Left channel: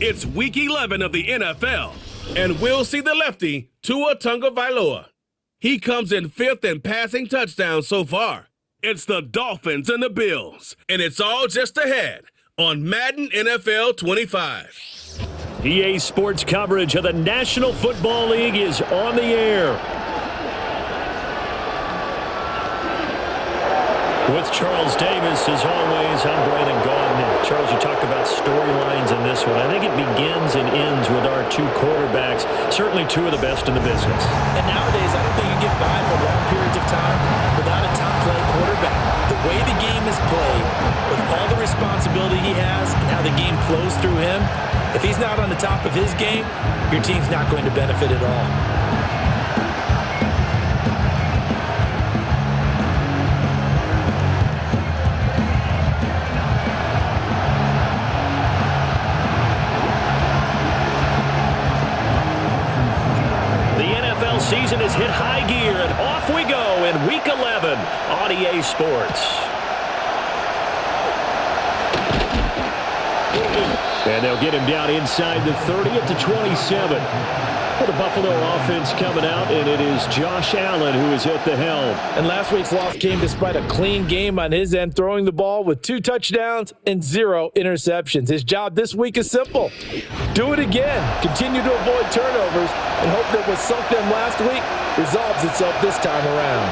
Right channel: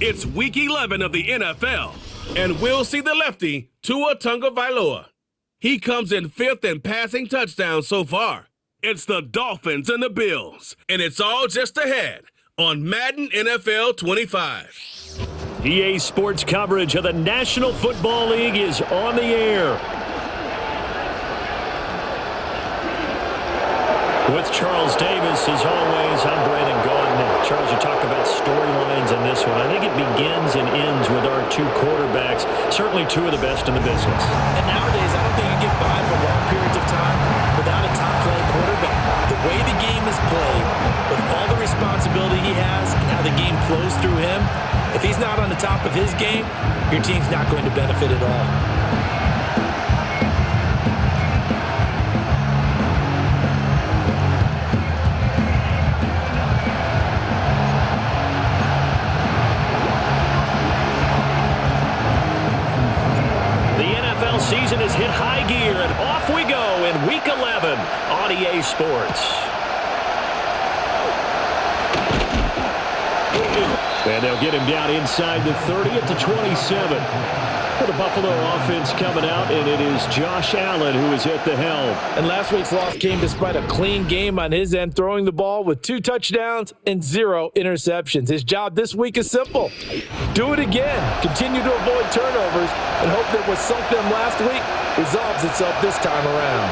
It's Week 11 of the NFL, and we'll see the lefty, Tua Tagovailoa. He comes in fifth in passing touchdowns so far. It's the Dolphins and the Bills, and it's all just ahead on Madden NFL 25. EA Sports coverage of the National Football League is on the air. With Charles Davis, as always, I'm Braylon Gauntner. Charles, you talk about storylines in this one. I think it begins and ends with our two quarterbacks, certainly two of the best in the business. And nowadays, I don't think you can get by for long periods of time without a top-flight quarterback. The way the game is played, with all the responsibility he has and how the game flows through him, if he's not on the top of his game, your team's not going to benefit at all. Season has hit high gear, and off we go in Week 11 on EA Sports. And they'll get him down inside the 30 at the 27. For the Buffalo offense coming out, and it is Josh Allen who is at the helm. And last week's loss came despite a clean game on his end, throwing the ball with 2 touchdowns and 0 interceptions. His job this week is simple. Do it again. Continue to avoid turnovers and hope that what sunk them last week resolves itself this time around.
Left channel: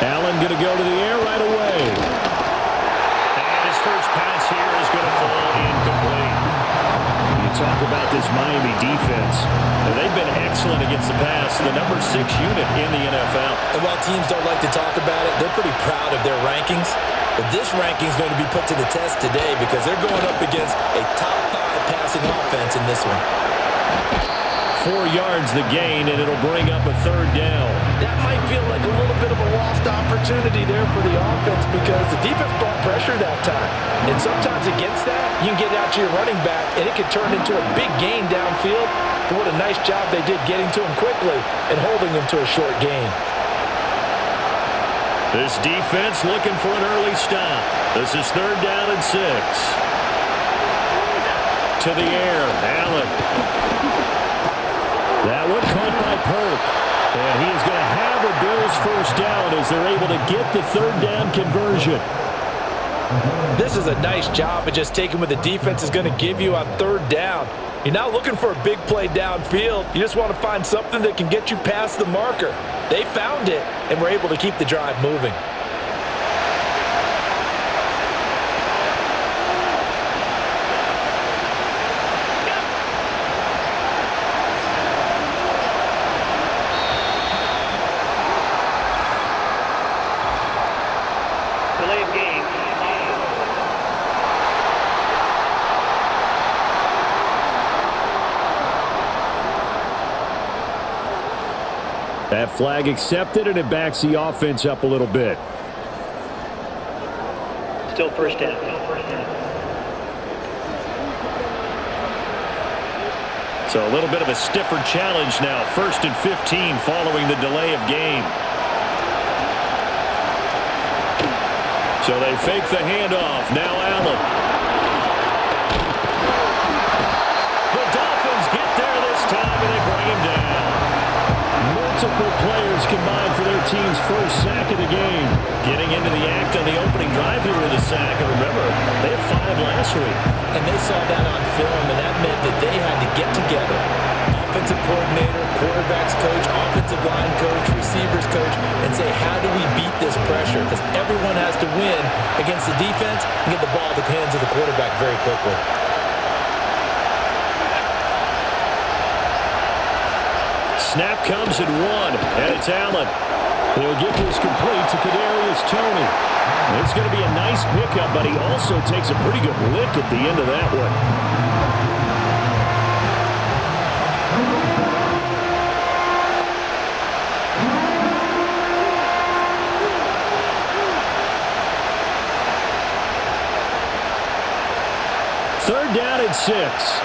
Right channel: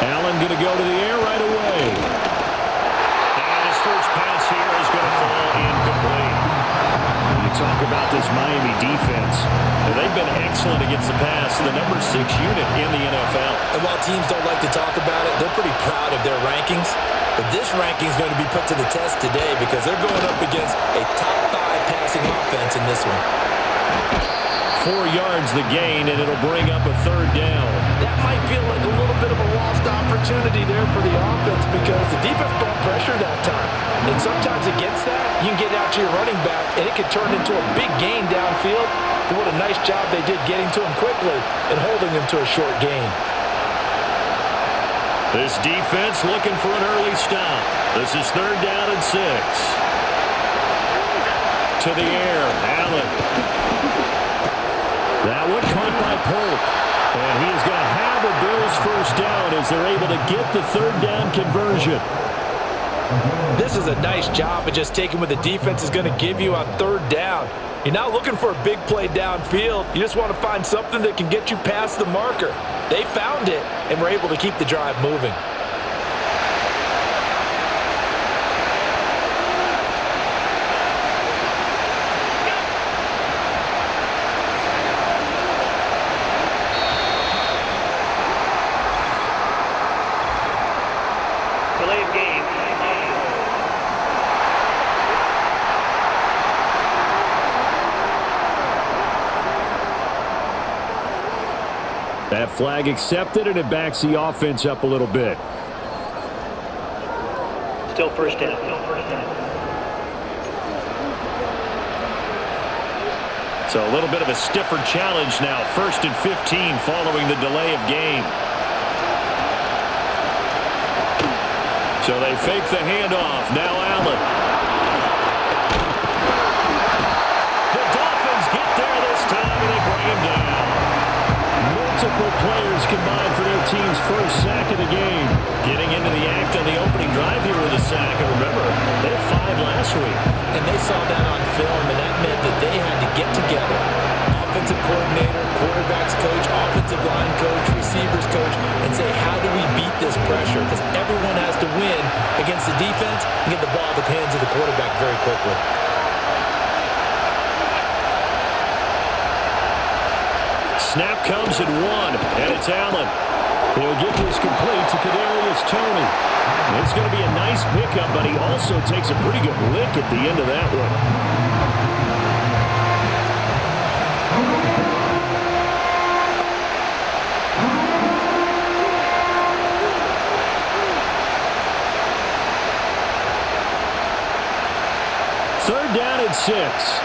Allen going to go to the air right away. And his first pass here is going to fall incomplete. You talk about this Miami defense. And they've been excellent against the pass, the number 6 unit in the NFL. And while teams don't like to talk about it, they're pretty proud of their rankings. But this ranking is going to be put to the test today because they're going up against a top 5 passing offense in this one. 4 yards the gain, and it'll bring up a third down. That might feel like a little bit of a lost opportunity there for the offense because the defense brought pressure that time. And sometimes against that, you can get out to your running back, and it can turn into a big gain downfield. But what a nice job they did getting to him quickly and holding him to a short gain. This defense looking for an early stop. This is 3rd down and 6. To the air, Allen. That one caught by Polk. And he is going to have a Bills first down as they're able to get the 3rd down conversion. This is a nice job of just taking what the defense is going to give you on 3rd down. You're not looking for a big play downfield. You just want to find something that can get you past the marker. They found it and were able to keep the drive moving. Delay of game. That flag accepted, and it backs the offense up a little bit. Still first down. So a little bit of a stiffer challenge now. 1st and 15 following the delay of game. So they fake the handoff. Now Allen. The Dolphins get there this time, and they bring him down. Multiple players combined for their team's first sack of the game. Getting into the act on the opening drive here with a sack. And remember, they had 5 last week. And they saw that on film, and that meant that they had to get together. Offensive coordinator, quarterbacks coach, offensive line coach, receivers coach, and say, how do we beat this pressure? Because everyone has to win against the defense and get the ball in the hands of the quarterback very quickly. Snap comes at 1, and it's Allen. He'll get this complete to Kadarius Toney. It's going to be a nice pickup, but he also takes a pretty good lick at the end of that one. Third down at 6.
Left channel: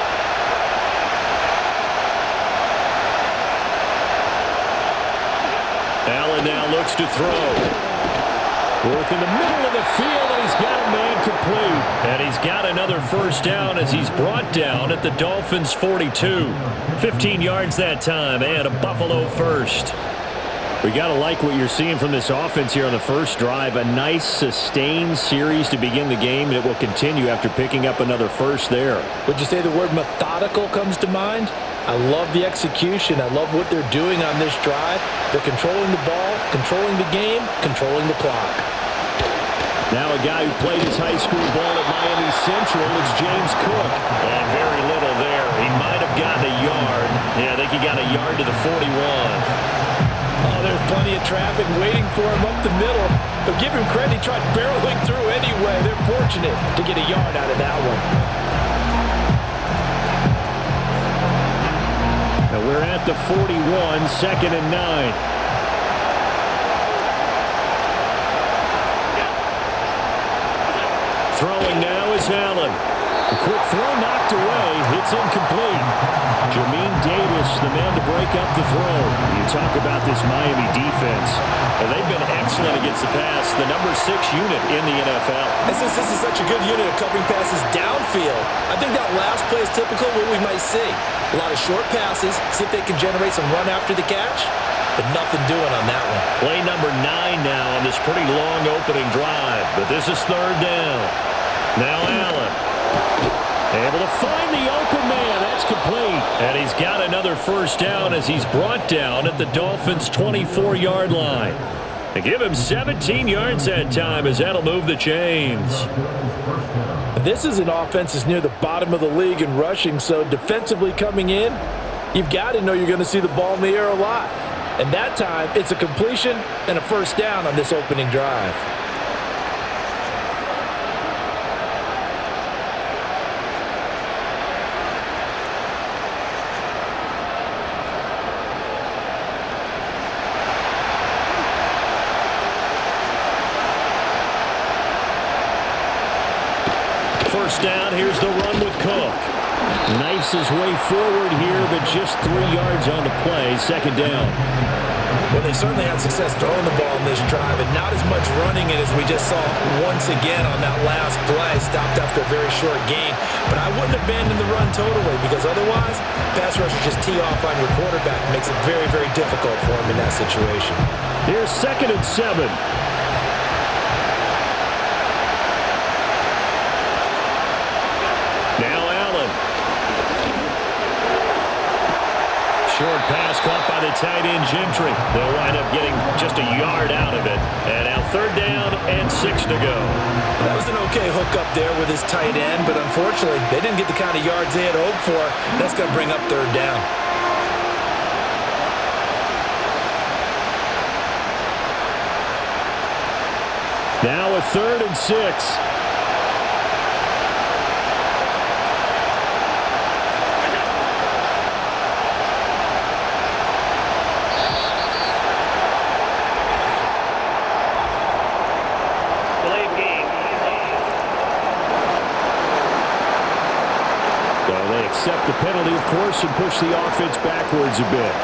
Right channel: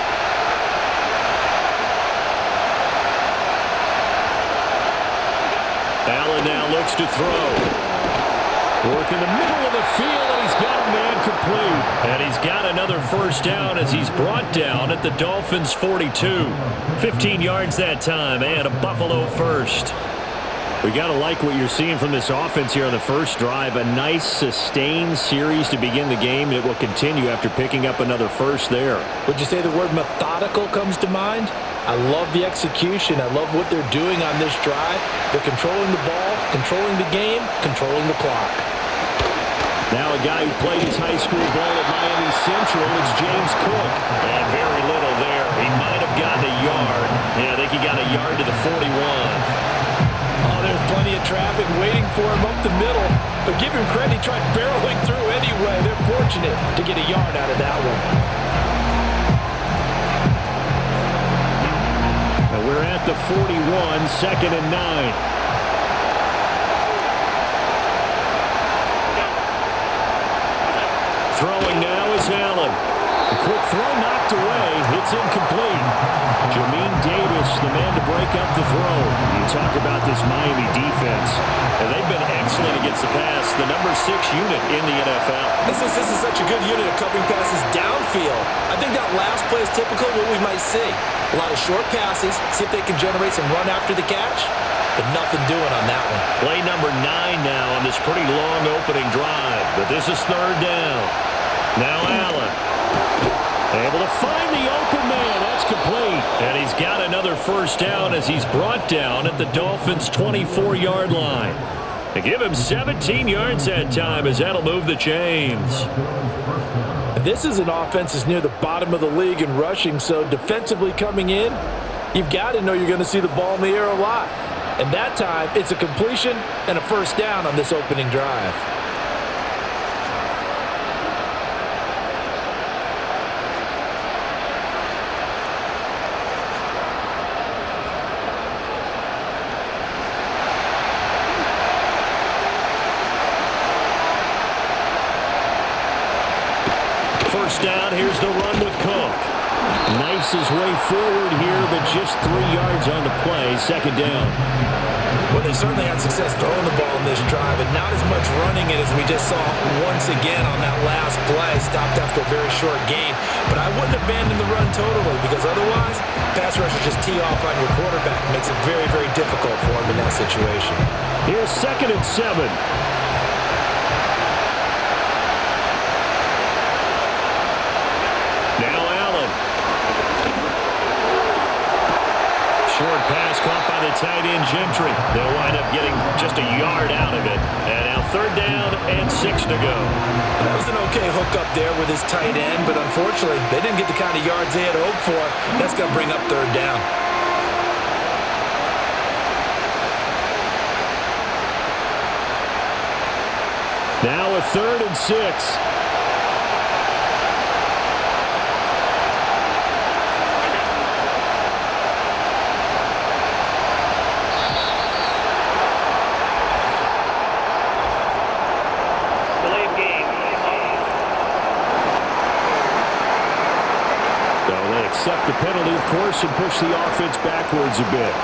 Allen now looks to throw. Work in the middle of the field, and he's got a man complete. And he's got another first down as he's brought down at the Dolphins' 42. 15 yards that time, and a Buffalo first. We got to like what you're seeing from this offense here on the first drive. A nice, sustained series to begin the game, and it will continue after picking up another first there. Would you say the word methodical comes to mind? I love the execution. I love what they're doing on this drive. They're controlling the ball, controlling the game, controlling the clock. Now a guy who played his high school ball at Miami Central, it's James Cook. And very little there. He might have gotten a yard. Yeah, I think he got a yard to the 41. Oh, there's plenty of traffic waiting for him up the middle. But give him credit, he tried barreling through anyway. They're fortunate to get a yard out of that one. Now we're at the 41, 2nd and 9. Throwing now is Allen. The quick throw knocked away. It's incomplete. Jamin Davis, the man to break up the throw. You talk about this Miami defense. And they've been excellent against the pass. The number 6 unit in the NFL. And since this is such a good unit of covering passes downfield, I think that last play is typical of what we might see. A lot of short passes, see if they can generate some run after the catch. But nothing doing on that one. Play number 9 now on this pretty long opening drive. But this is 3rd down. Now Allen. Able to find the open man. That's complete. And he's got another first down as he's brought down at the Dolphins' 24-yard line. They give him 17 yards that time as that'll move the chains. This is an offense that's near the bottom of the league in rushing, so defensively coming in, you've got to know you're going to see the ball in the air a lot. And that time, it's a completion and a first down on this opening drive. First down, here's the run with Cook. Knifes his way forward here, but just 3 yards on the play. 2nd down. Well, they certainly had success throwing the ball in this drive, and not as much running it as we just saw once again on that last play. Stopped after a very short gain. But I wouldn't abandon the run totally, because otherwise, pass rushers just tee off on your quarterback. Makes it very, very difficult for him in that situation. Here's 2nd and 7. Now Allen. Short pass caught by the tight end Gentry. They'll wind up getting just a yard out of it. And now 3rd down and 6 to go. Well, that was an okay hook up there with his tight end, but unfortunately, they didn't get the kind of yards they had hoped for. That's going to bring up 3rd down. Now a 3rd and 6. Delay of game. So they accept the penalty, of course, and push the offense backwards a bit.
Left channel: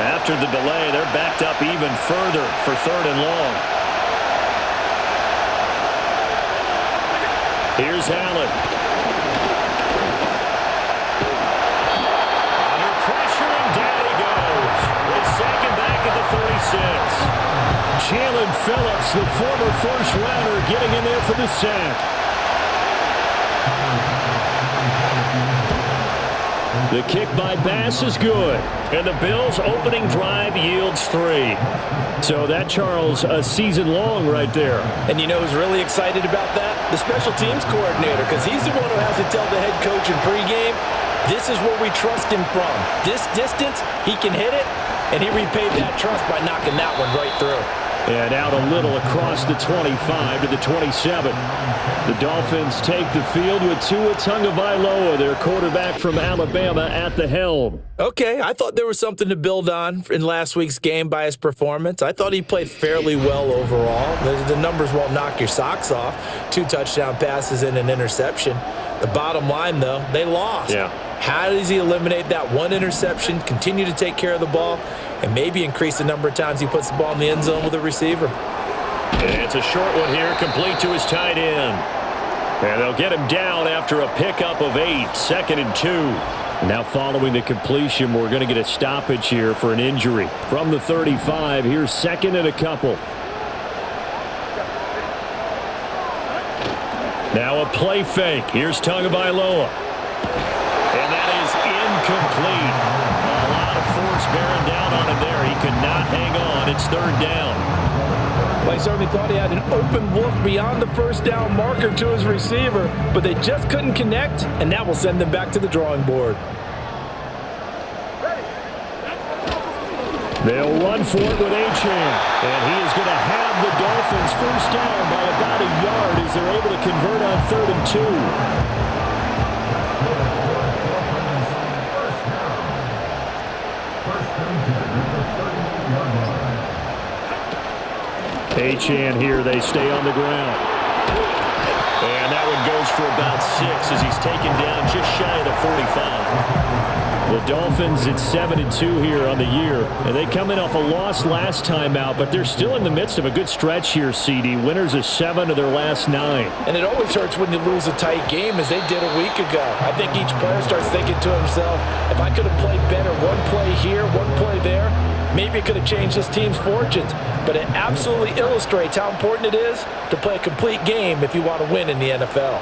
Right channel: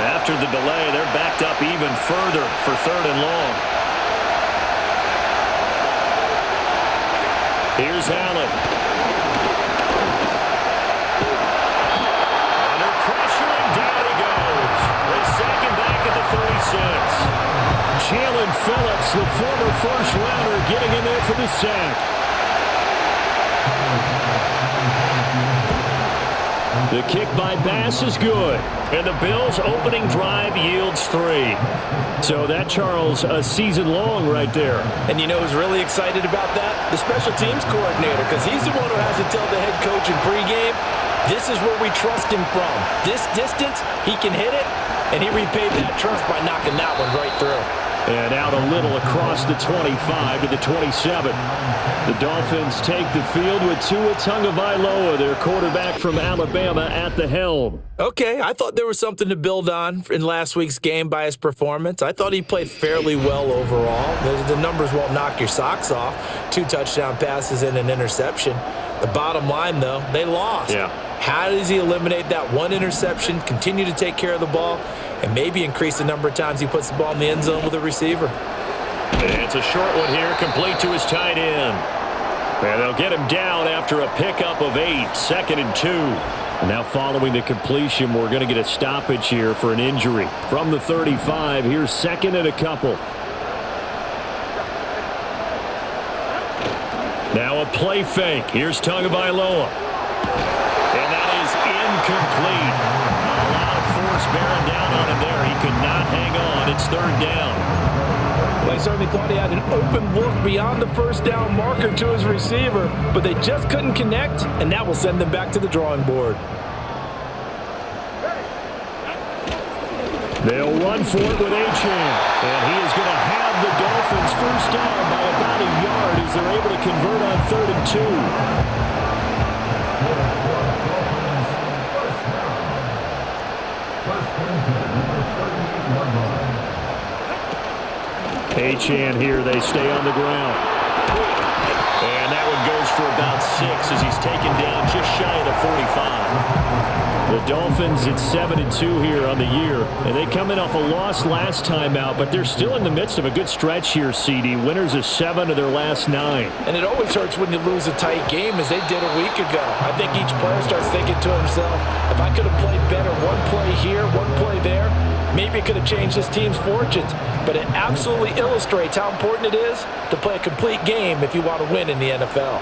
After the delay, they're backed up even further for 3rd and long. Here's Allen. Under pressure, and down he goes. They sack him back at the 36. Jalen Phillips, the former first-rounder, getting in there for the sack. The kick by Bass is good, and the Bills' opening drive yields 3. So that, Charles, a season long right there. And you know who's really excited about that? The special teams coordinator, because he's the one who has to tell the head coach in pregame, this is where we trust him from. This distance, he can hit it, and he repaid that trust by knocking that one right through. And out a little across the 25 to the 27. The Dolphins take the field with Tua Tagovailoa, their quarterback from Alabama, at the helm. Okay, I thought there was something to build on in last week's game by his performance. I thought he played fairly well overall. The numbers won't knock your socks off. 2 touchdown passes and an interception. The bottom line, though, they lost. Yeah. How does he eliminate that one interception, continue to take care of the ball, and maybe increase the number of times he puts the ball in the end zone with a receiver? It's a short one here, complete to his tight end. And they'll get him down after a pickup of 8, 2nd and 2. And now following the completion, we're going to get a stoppage here for an injury. From the 35, here's 2nd and a couple. Now a play fake. Here's Tagovailoa. And that is incomplete. A lot of force bearing down on him there. He could not hang on. It's 3rd down. Well, I certainly thought he had an open look beyond the first down marker to his receiver, but they just couldn't connect, and that will send them back to the drawing board. They'll run for it with Achane, and he is going to have the Dolphins first down by about a yard as they're able to convert on 3rd and 2. Achane here, they stay on the ground. And that one goes for about 6 as he's taken down just shy of the 45. The Dolphins at 7-2 here on the year, and they come in off a loss last time out, but they're still in the midst of a good stretch here, CD. Winners of 7 of their last 9. And it always hurts when you lose a tight game, as they did a week ago. I think each player starts thinking to himself, if I could have played better one play here, one play there, maybe it could have changed this team's fortunes. But it absolutely illustrates how important it is to play a complete game if you want to win in the NFL.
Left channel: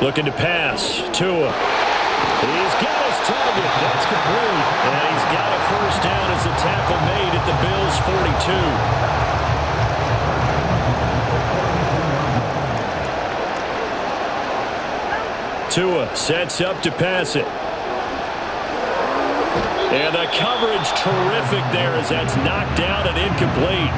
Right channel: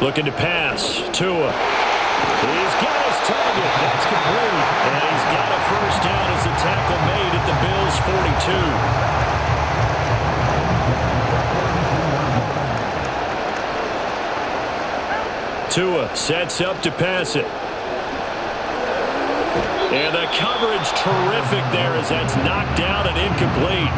Looking to pass. Tua. He's got his target. That's complete. And he's got a first down as the tackle made at the Bills' 42. Tua sets up to pass it. And the coverage terrific there as that's knocked down and incomplete.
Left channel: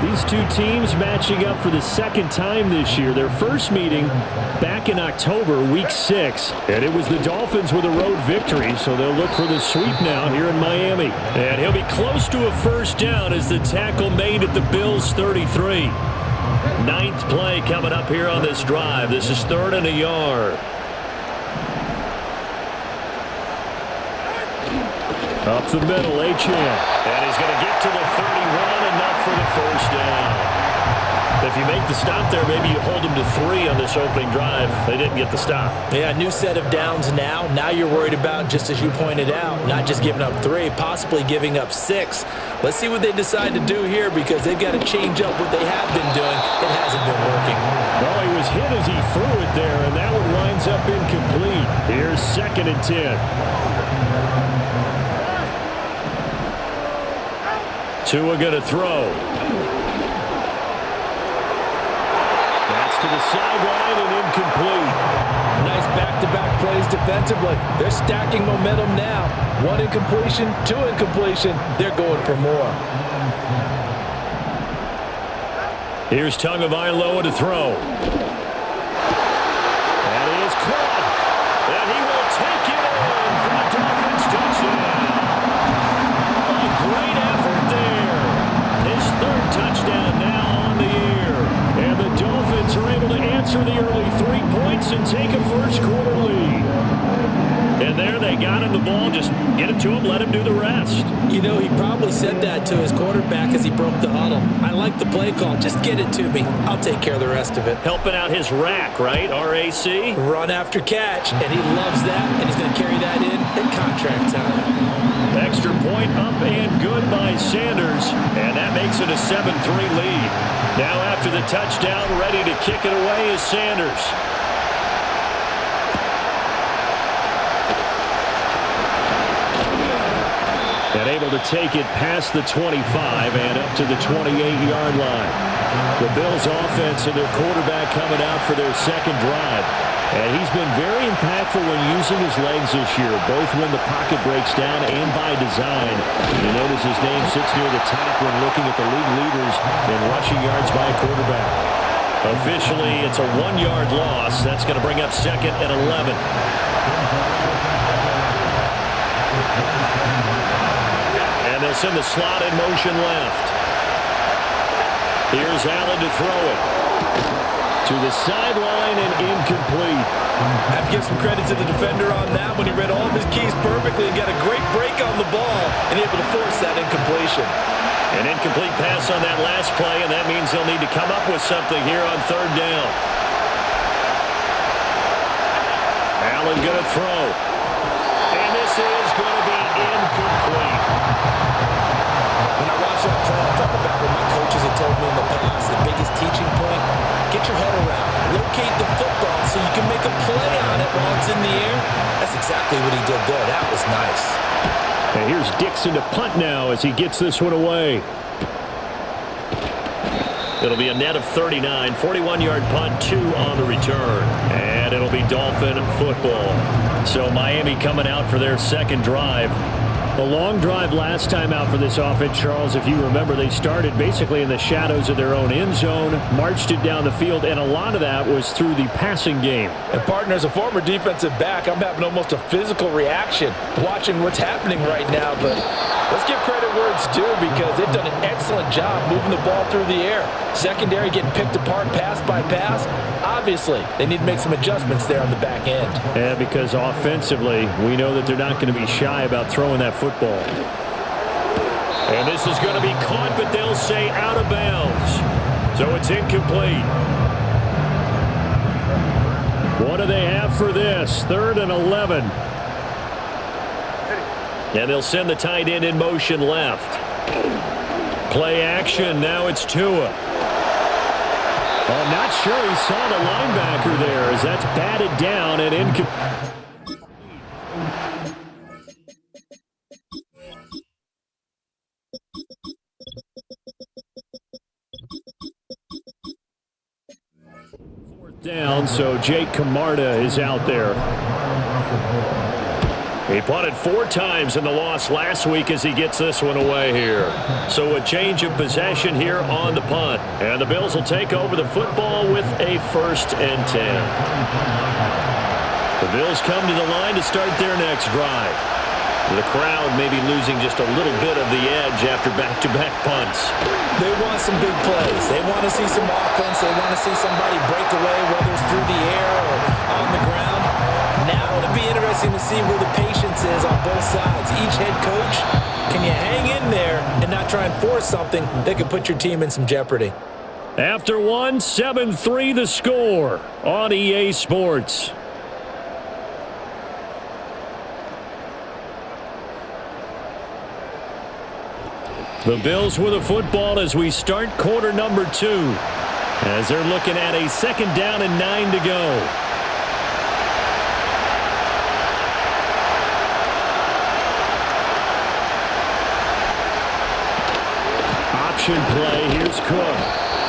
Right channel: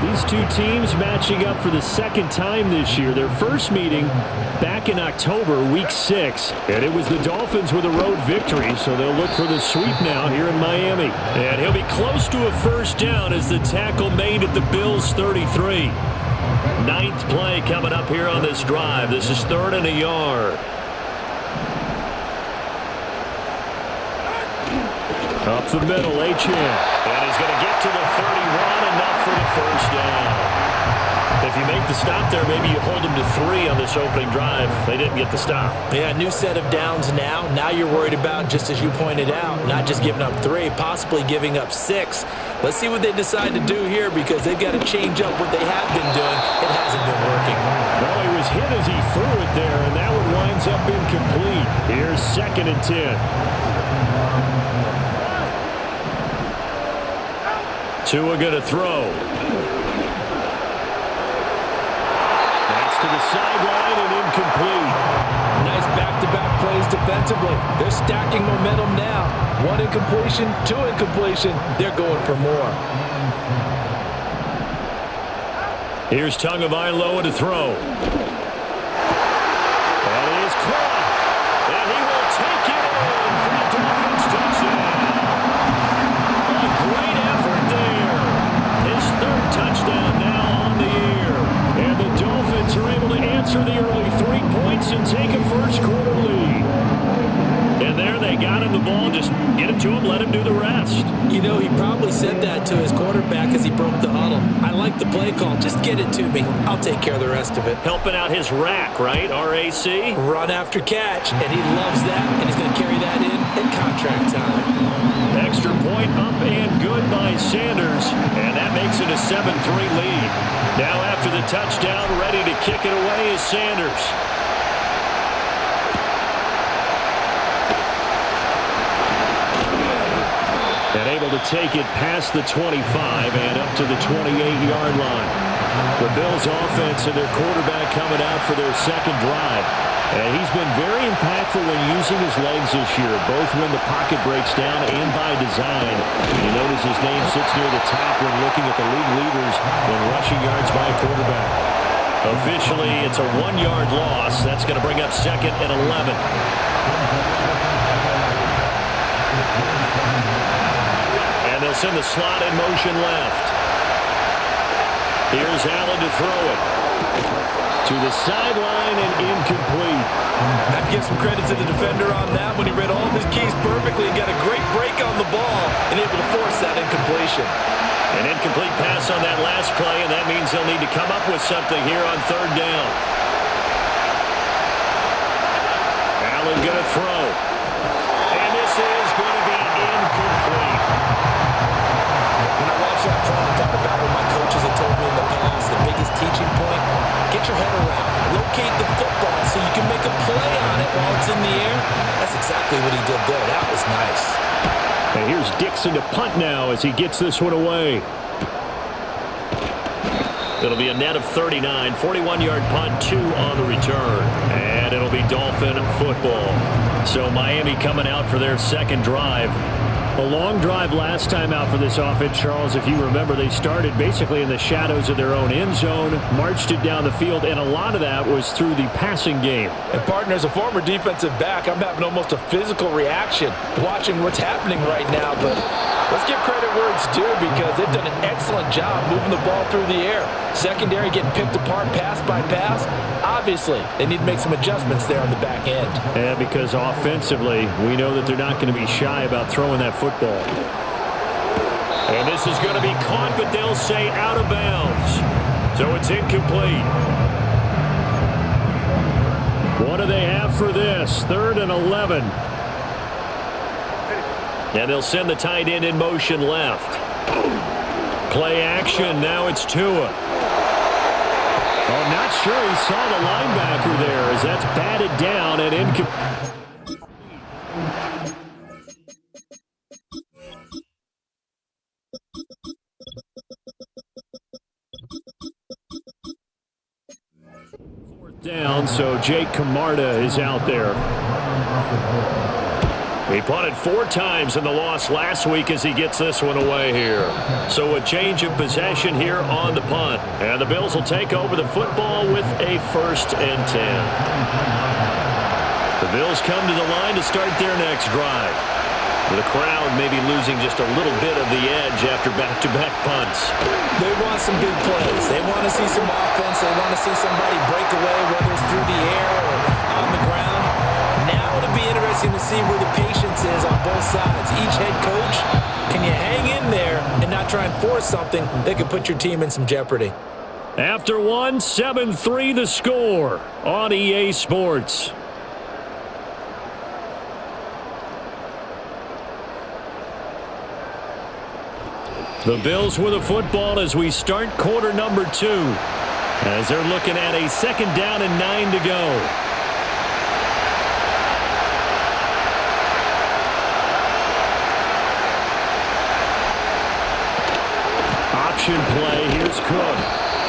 These two teams matching up for the 2nd time this year. Their first meeting back in October, week 6. And it was the Dolphins with a road victory, so they'll look for the sweep now here in Miami. And he'll be close to a first down as the tackle made at the Bills' 33. 9th play coming up here on this drive. This is 3rd and a yard. Up the middle, Achane. And he's going to get to the 31, enough for the first down. If you make the stop there, maybe you hold them to 3 on this opening drive. They didn't get the stop. Yeah, new set of downs now. Now you're worried about, just as you pointed out, not just giving up 3, possibly giving up 6. Let's see what they decide to do here, because they've got to change up what they have been doing. It hasn't been working. No, he was hit as he threw it there, and that one winds up incomplete. Here's 2nd and 10. Tua going to throw. That's to the sideline and incomplete. Nice back-to-back plays defensively. They're stacking momentum now. 1 incompletion, 2 incompletion. They're going for more. Here's Tagovailoa to throw. That is caught. And he will take it in for a Dolphins touchdown. A great effort there. His 3rd touchdown now on the year. And the Dolphins are able to answer the early 3 points and take a first quarter lead. And there they got him the ball. Just get it to him, let him do the rest. You know, he probably said that to his quarterback as he broke the huddle. I like the play call. Just get it to me. I'll take care of the rest of it. Helping out his rack, right? RAC? Run after catch. And he loves that, and he's going to carry that in at contract time. Extra point up and good by Sanders. And that makes it a 7-3 lead. Now after the touchdown, ready to kick it away is Sanders. And able to take it past the 25 and up to the 28-yard line. The Bills offense and their quarterback coming out for their 2nd drive. And he's been very impactful when using his legs this year, both when the pocket breaks down and by design. You notice his name sits near the top when looking at the league leaders in rushing yards by a quarterback. Officially, it's a 1-yard loss. That's going to bring up 2nd and 11. And they'll send the slot in motion left. Here's Allen to throw it. To the sideline and incomplete. Have to give some credit to the defender on that when he read all of his keys perfectly and got a great break on the ball and able to force that incompletion. An incomplete pass on that last play, and that means they'll need to come up with something here on third down. Allen going to throw. And this is going to be incomplete. When I watched that play, I thought about what my coaches had told me in the past. The biggest teaching point, get your head around. Locate the football so you can make a play on it while it's in the air. That's exactly what he did there. That was nice. And here's Dixon to punt now as he gets this one away. It'll be a net of 39, 41-yard punt, 2 on the return. And it'll be Dolphin football. So Miami coming out for their second drive. A long drive last time out for this offense, Charles. If you remember, they started basically in the shadows of their own end zone, marched it down the field, and a lot of that was through the passing game. And partner, as a former defensive back, I'm having almost a physical reaction watching what's happening right now. But let's give credit where it's due because they've done an excellent job moving the ball through the air. Secondary getting picked apart pass by pass. Obviously, they need to make some adjustments there on the back end. Yeah, because offensively, we know that they're not going to be shy about throwing that football. And this is going to be caught, but they'll say out of bounds. So it's incomplete. What do they have for this? 3rd and 11. And they'll send the tight end in motion left. Play action. Now it's Tua. Oh, not sure he saw the linebacker there as that's batted down and incomplete. Down, so Jake Camarda is out there. He punted 4 times in the loss last week as he gets this one away here. So a change of possession here on the punt. And the Bills will take over the football with a 1st and 10. The Bills come to the line to start their next drive. The crowd may be losing just a little bit of the edge after back-to-back punts. They want some big plays. They want to see some offense. They want to see somebody break away, whether it's through the air or on the ground. Now it'll be interesting to see where the patience is on both sides. Each head coach, can you hang in there and not try and force something that could put your team in some jeopardy? After 1, 7-3 the score on EA Sports. The Bills with a football as we start quarter number 2. As they're looking at a 2nd down and 9 to go. Option play. Here's Cook.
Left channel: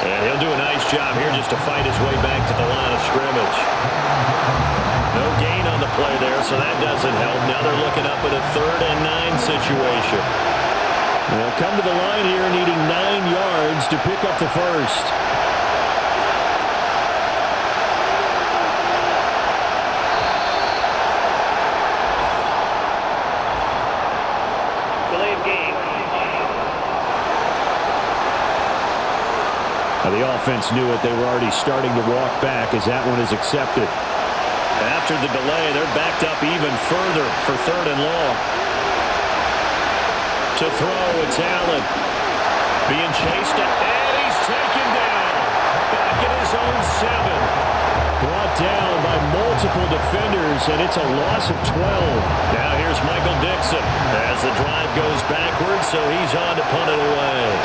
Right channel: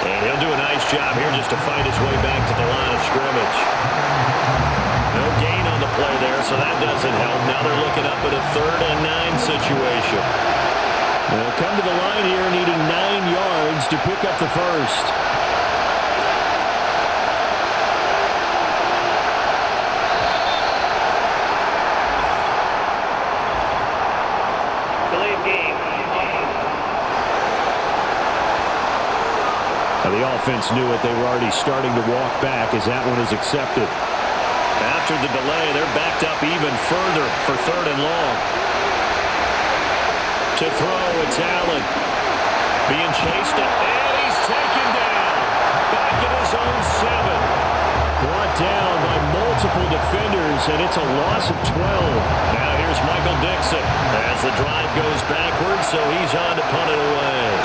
And he'll do a nice job here just to fight his way back to the line of scrimmage. No gain on the play there, so that doesn't help. Now they're looking up at a 3rd and 9 situation. They'll come to the line here needing 9 yards to pick up the 1st. Delay of game. Now the offense knew it. They were already starting to walk back as that one is accepted. After the delay, they're backed up even further for 3rd and long. To throw, it's Allen. Being chased, and he's taken down. Back at his own 7. Brought down by multiple defenders, and it's a loss of 12. Now here's Michael Dixon as the drive goes backwards, so he's on to punt it away.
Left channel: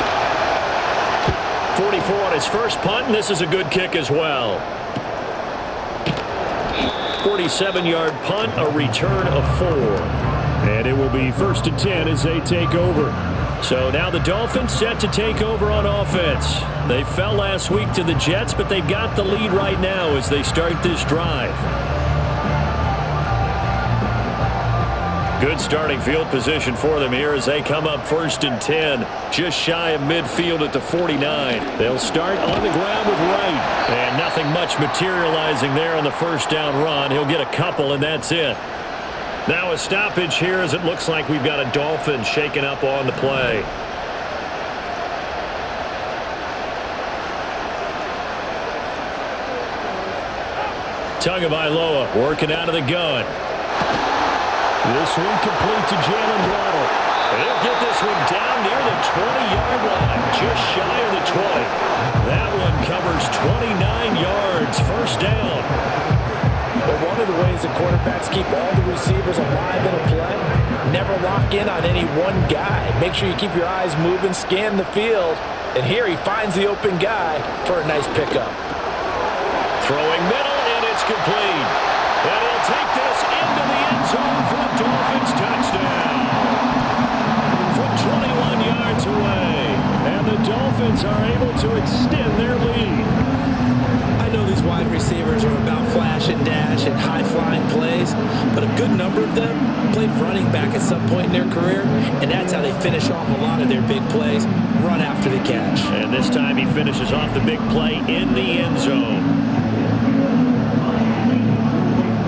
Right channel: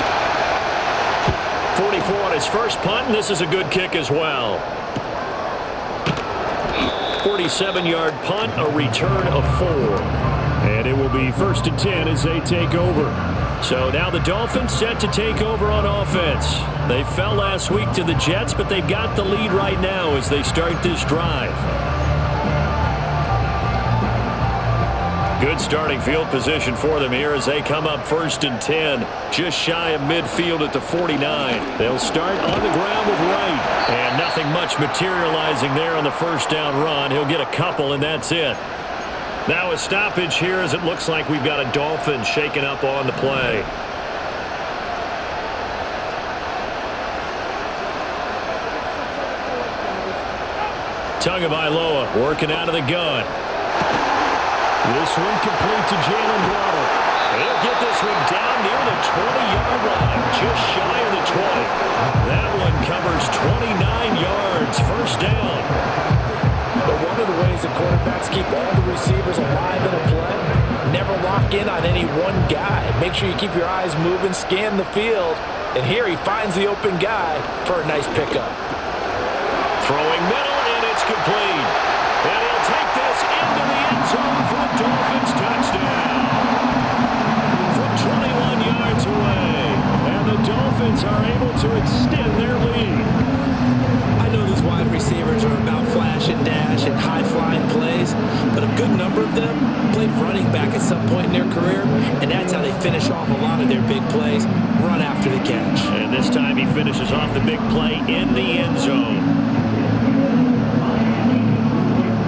44 on his first punt, and this is a good kick as well. 47-yard punt, a return of 4. And it will be 1st and 10 as they take over. So now the Dolphins set to take over on offense. They fell last week to the Jets, but they've got the lead right now as they start this drive. Good starting field position for them here as they come up 1st and 10, just shy of midfield at the 49. They'll start on the ground with Wright, and nothing much materializing there on the 1st down run. He'll get a couple, and that's it. Now a stoppage here as it looks like we've got a Dolphin shaken up on the play. Tagovailoa working out of the gun. This one complete to Jalen Waddle. And he'll get this one down near the 20-yard line, just shy of the 20. That one covers 29 yards, first down. But one of the ways that quarterbacks keep all the receivers alive in a play, never lock in on any one guy. Make sure you keep your eyes moving, scan the field. And here he finds the open guy for a nice pickup. Throwing middle, and it's complete. And he'll take this into the end zone for a Dolphins touchdown. From 21 yards away. And the Dolphins are able to extend their lead. I know these wide receivers are about flash and dash and high-flying plays, but a good number of them played running back at some point in their career, and that's how they finish off a lot of their big plays, run after the catch. And this time he finishes off the big play in the end zone.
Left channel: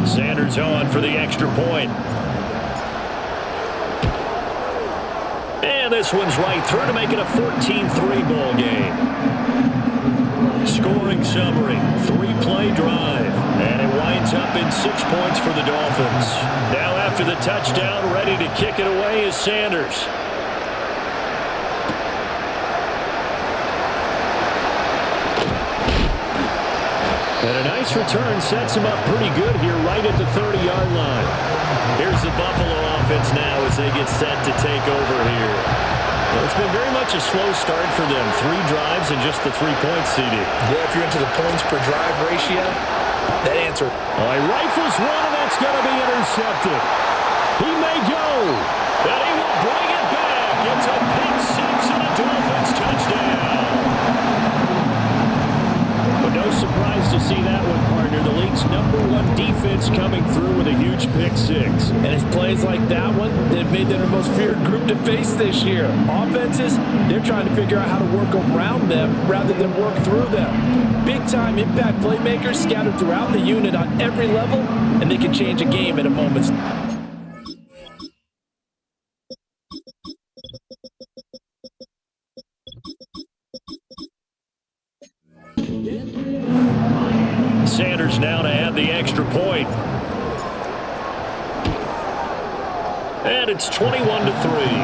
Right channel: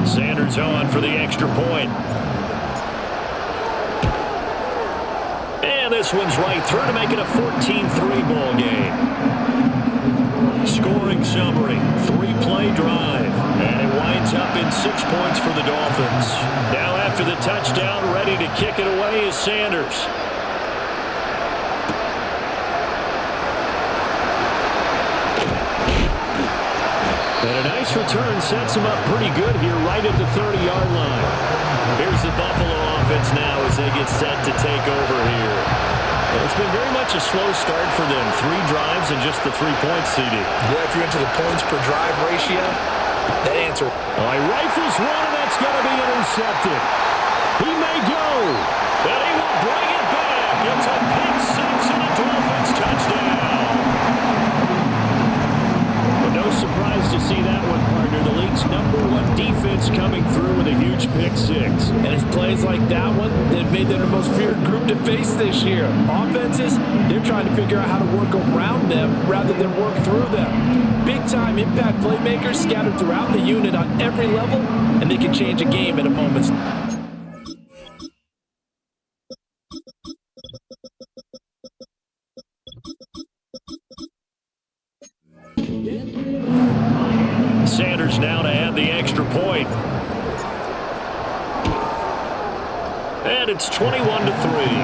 Sanders on for the extra point. And this one's right through to make it a 14-3 ball game. Scoring summary, 3-play drive, and it winds up in 6 points for the Dolphins. Now after the touchdown, ready to kick it away is Sanders. And a nice return sets him up pretty good here right at the 30-yard line. Here's the Buffalo offense now as they get set to take over here. It's been very much a slow start for them. 3 drives and just the 3 points, CD. Yeah, if you're into the points per drive ratio, that answer. Oh, he rifles one, and that's going to be intercepted. He may go, and he will bring it back. It's a pick 6 and a Dolphins touchdown. But no surprise to see that one, partner. The league's #1 defense coming through with a huge pick 6. And it's plays like that one that have made them the most feared group to face this year. Offenses, they're trying to figure out how to work around them rather than work through them. Big-time impact playmakers scattered throughout the unit on every level, and they can change a game at a moment's notice. Sanders now to add the extra point. And it's 21-3.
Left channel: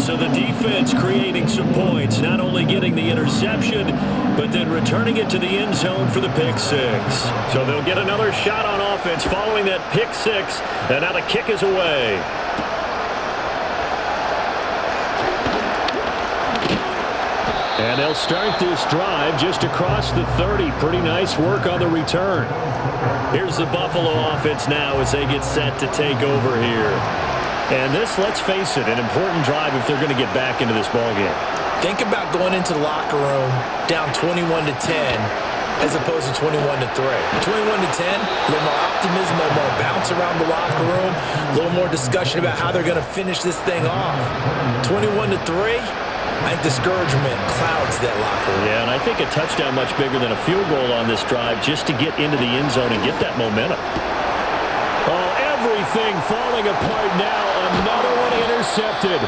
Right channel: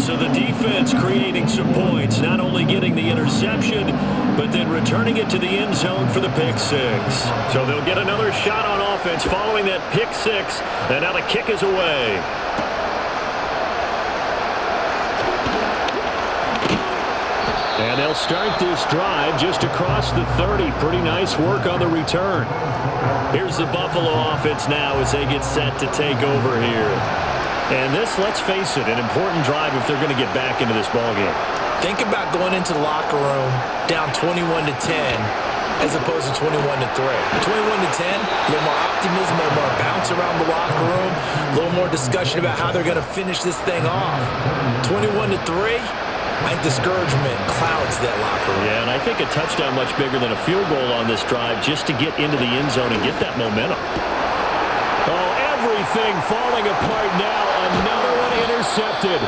So the defense creating some points, not only getting the interception, but then returning it to the end zone for the pick 6. So they'll get another shot on offense following that pick 6, and now the kick is away. And they'll start this drive just across the 30. Pretty nice work on the return. Here's the Buffalo offense now as they get set to take over here. And this, let's face it, an important drive if they're going to get back into this ballgame. Think about going into the locker room down 21-10 as opposed to 21-3. 21-10, a little more optimism, a little more bounce around the locker room, a little more discussion about how they're going to finish this thing off. 21-3, I think discouragement clouds that locker room. Yeah, and I think a touchdown much bigger than a field goal on this drive just to get into the end zone and get that momentum. Oh, everything falling apart now. Another one intercepted.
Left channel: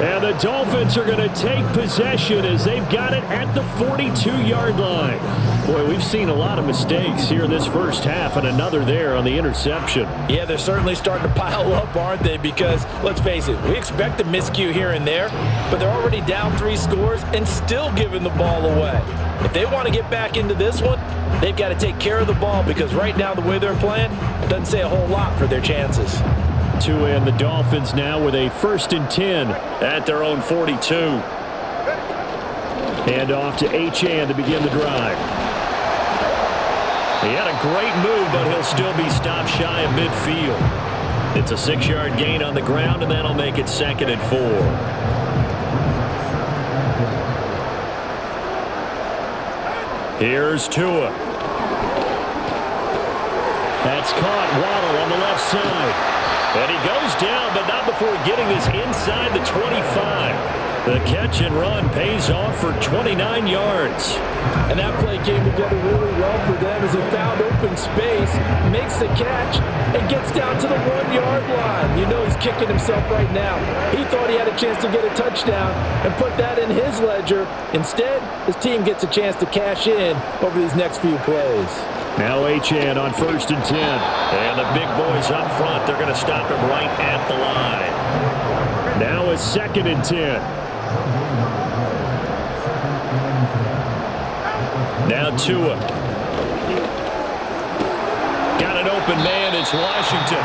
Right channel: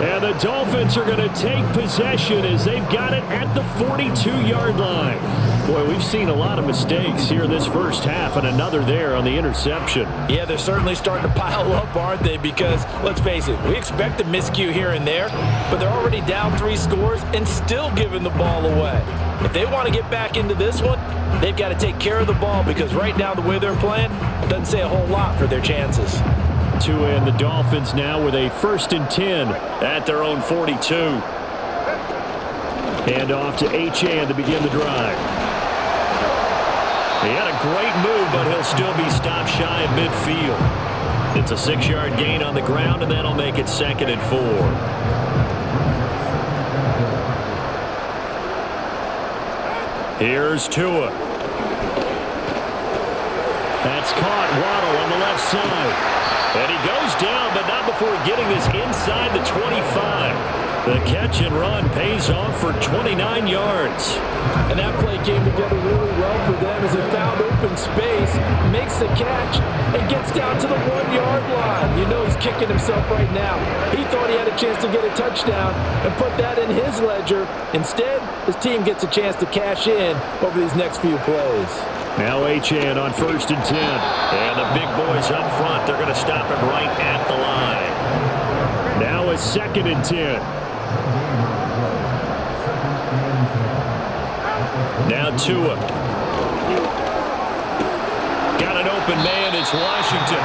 And the Dolphins are going to take possession as they've got it at the 42-yard line. Boy, we've seen a lot of mistakes here this first half, and another there on the interception. Yeah, they're certainly starting to pile up, aren't they? Because, let's face it, we expect a miscue here and there, but they're already down 3 scores and still giving the ball away. If they want to get back into this one, they've got to take care of the ball because right now the way they're playing doesn't say a whole lot for their chances. Tua and the Dolphins now with a 1st and 10 at their own 42. Hand off to Achane to begin the drive. He had a great move, but he'll still be stopped shy of midfield. It's a 6-yard gain on the ground, and that'll make it 2nd and 4. Here's Tua. That's caught. Waddle on the left side. And he goes down, but not before getting this inside the 25. The catch and run pays off for 29 yards. And that play came together really well for them as he found open space, makes the catch, and gets down to the 1-yard line. You know he's kicking himself right now. He thought he had a chance to get a touchdown and put that in his ledger. Instead, his team gets a chance to cash in over these next few plays. Now Achane on 1st and 10. And the big boys up front, they're going to stop him right at the line. Now it's 2nd and 10. Now Tua. Got an open man, it's Washington.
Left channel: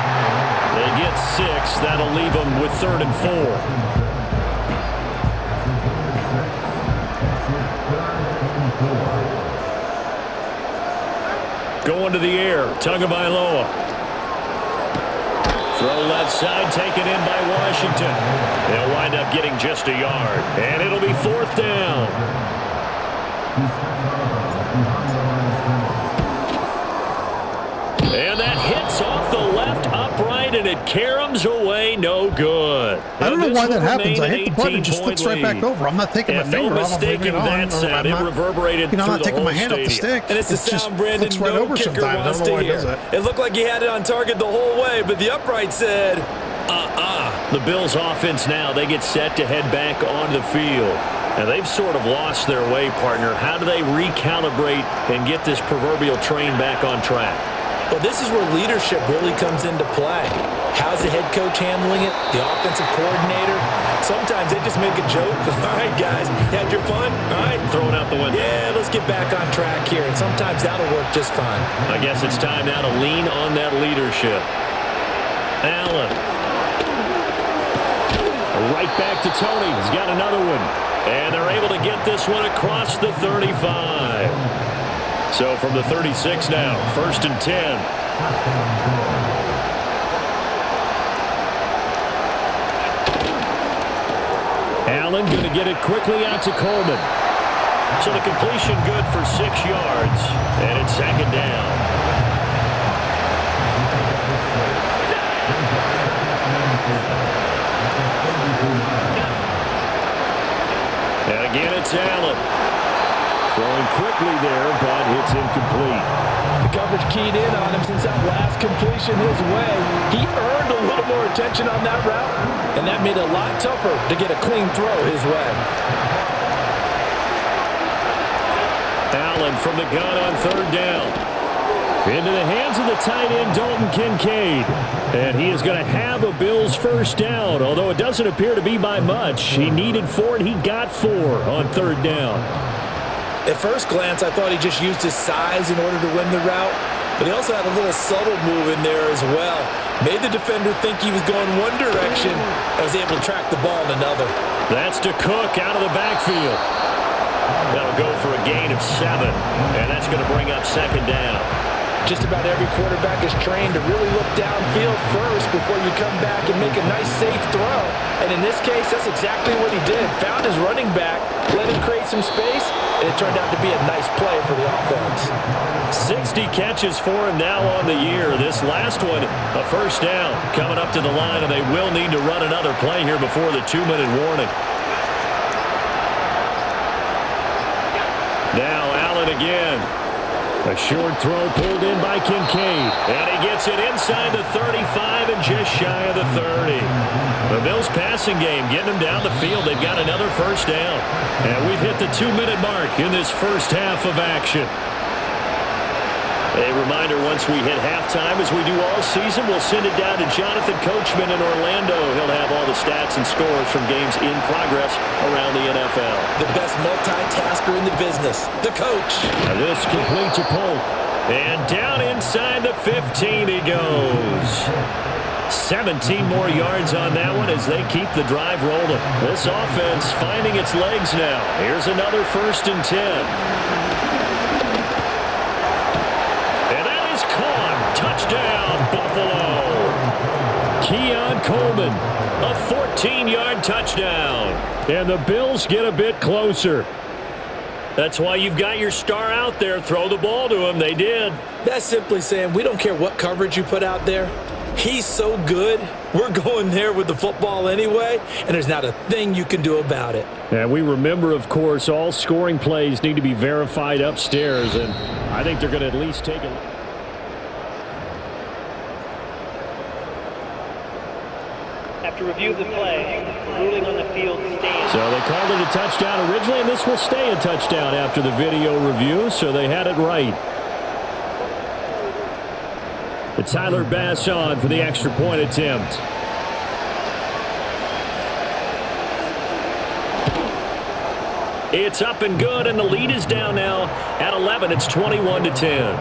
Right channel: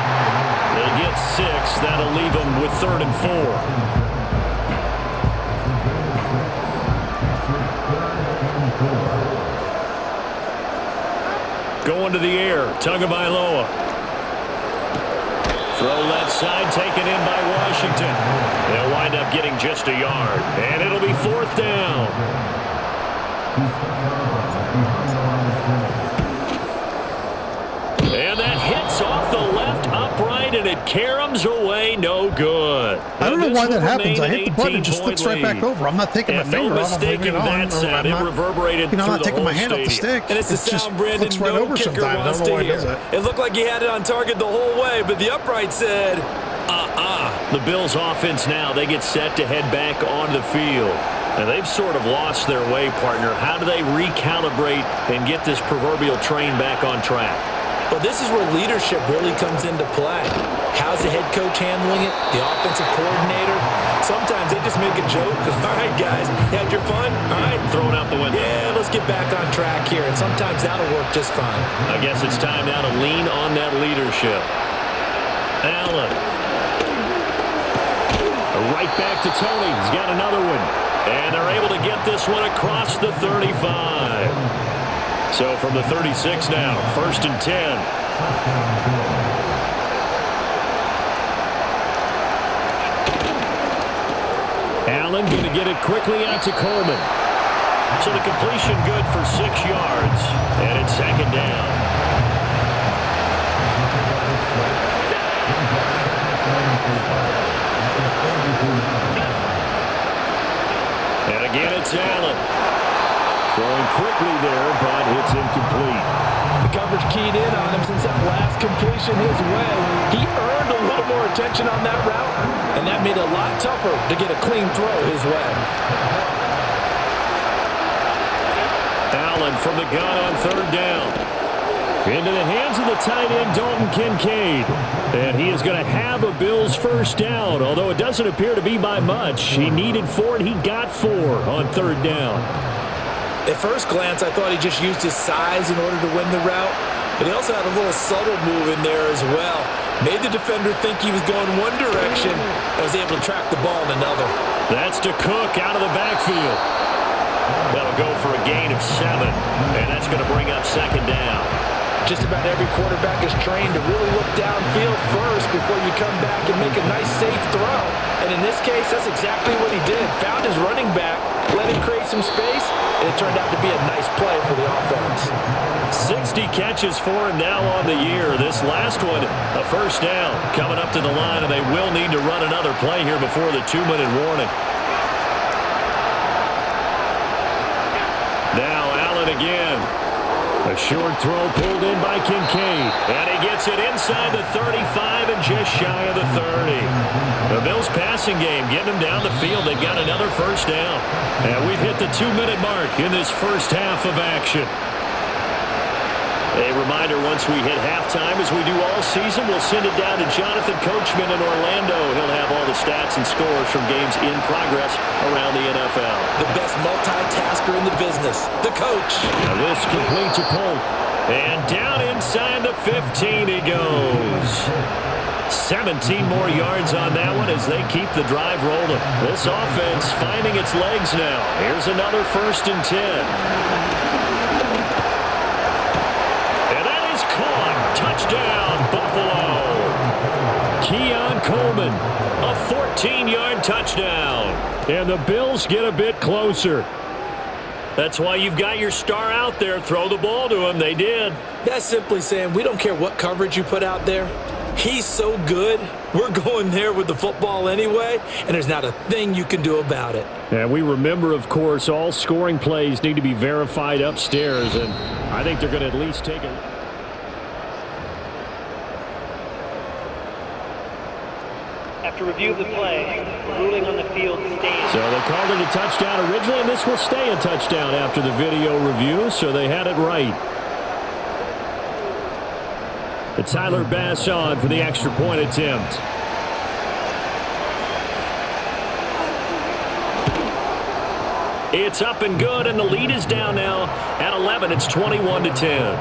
They get 6, that'll leave them with 3rd and 4. Going to the air, Tagovailoa. Throw left side, taken in by Washington. They'll wind up getting just a yard, and it'll be 4th down. And that hits off the left upright, and it caroms away, no good. I don't know why that happens. I hit the button, it just flips right back over. I'm not taking my finger off. I'm leaving it on. It reverberated I'm not taking my hand off stadium. the stick. And it's the sound Brandon flips right over sometimes. I don't know why it does that. It looked like he had it on target the whole way, but the upright said, The Bills' offense now, they get set to head back on the field. Now, they've sort of lost their way, partner. How do they recalibrate and get this proverbial train back on track? Well, this is where leadership really comes into play. How's the head coach handling it? The offensive coordinator? Sometimes they just make a joke. All right, guys, you had your fun? All right. Throw it out the window. Yeah, let's get back on track here. And sometimes that'll work just fine. I guess it's time now to lean on that leadership. Allen. Right back to Tony. He's got another one. And they're able to get this one across the 35. So from the 36 now, 1st and 10. Allen going to get it quickly out to Coleman. So the completion good for 6 yards, and it's 2nd down. And again, it's Allen. Throwing quickly there, but it's incomplete. The coverage keyed in on him since that last completion his way. He earned a little more attention on that route, and that made it a lot tougher to get a clean throw his way. Allen from the gun on 3rd down. Into the hands of the tight end, Dalton Kincaid. And he is going to have a Bills 1st down, although it doesn't appear to be by much. He needed 4, and he got 4 on 3rd down. At first glance, I thought he just used his size in order to win the route, but he also had a little subtle move in there as well. Made the defender think he was going one direction and was able to track the ball in another. That's to Cook out of the backfield. That'll go for a gain of 7, and that's going to bring up 2nd down. Just about every quarterback is trained to really look downfield first before you come back and make a nice, safe throw. And in this case, that's exactly what he did. Found his running back, let him create some space, and it turned out to be a nice play for the offense. 60 catches for him now on the year. This last one, a 1st down. Coming up to the line, and they will need to run another play here before the 2-minute warning. Now Allen again. A short throw pulled in by Kincaid. And he gets it inside the 35 and just shy of the 30. The Bills passing game getting them down the field. They've got another 1st down. And we've hit the 2-minute mark in this first half of action. A reminder, once we hit halftime, as we do all season, we'll send it down to Jonathan Coachman in Orlando. He'll have all the stats and scores from games in progress around the NFL. The best multitasker in the business, the coach. Now this complete to Polk. And down inside the 15 he goes. 17 more yards on that one as they keep the drive rolling. This offense finding its legs now. Here's another 1st and 10. Caught. Touchdown, Buffalo. Keon Coleman, a 14-yard touchdown. And the Bills get a bit closer. That's why you've got your star out there. Throw the ball to him. They did. That's simply saying we don't care what coverage you put out there. He's so good, we're going there with the football anyway, and there's not a thing you can do about it. And we remember, of course, all scoring plays need to be verified upstairs, and I think they're going to at least take a look. After review of the play, ruling on the field stands. So they called it a touchdown originally, and this will stay a touchdown after the video review, so they had it right. Tyler Bass on for the extra point attempt. It's up and good, and the lead is down now at 11. It's 21-10.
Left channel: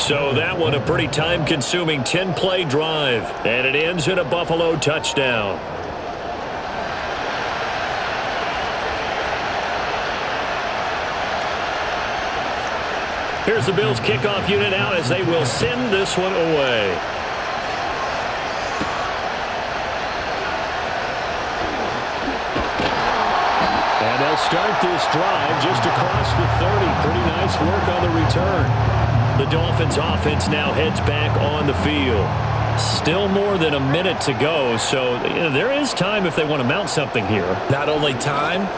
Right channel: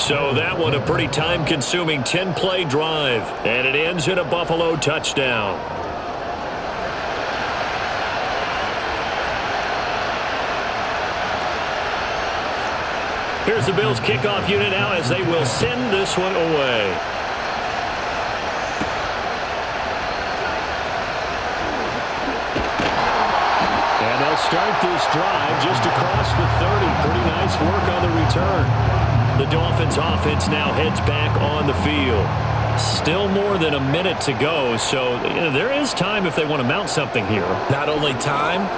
So that one a pretty time-consuming 10-play drive, and it ends in a Buffalo touchdown. Here's the Bills kickoff unit now as they will send this one away. And they'll start this drive just across the 30. Pretty nice work on the return. The Dolphins offense now heads back on the field. Still more than a minute to go, so there is time if they want to mount something here. Not only time,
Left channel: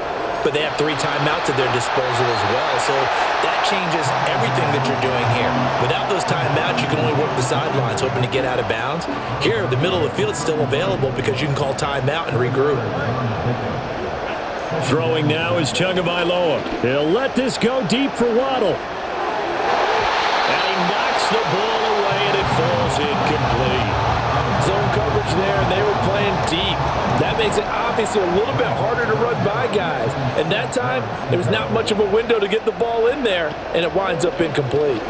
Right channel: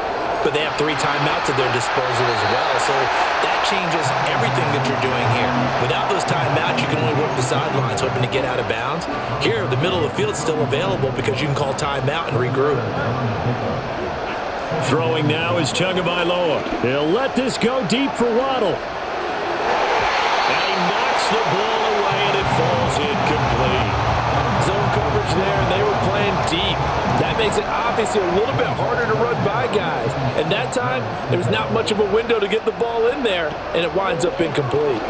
but they have 3 timeouts at their disposal as well. So that changes everything that you're doing here. Without those timeouts, you can only work the sidelines, hoping to get out of bounds. Here, the middle of the field's still available because you can call timeout and regroup. Throwing now is Tagovailoa. He'll let this go deep for Waddle. And he knocks the ball away, and it falls incomplete. Zone coverage there, and they were playing deep. That makes it obviously a little bit harder to run by guys. And that time, there was not much of a window to get the ball in there, and it winds up incomplete.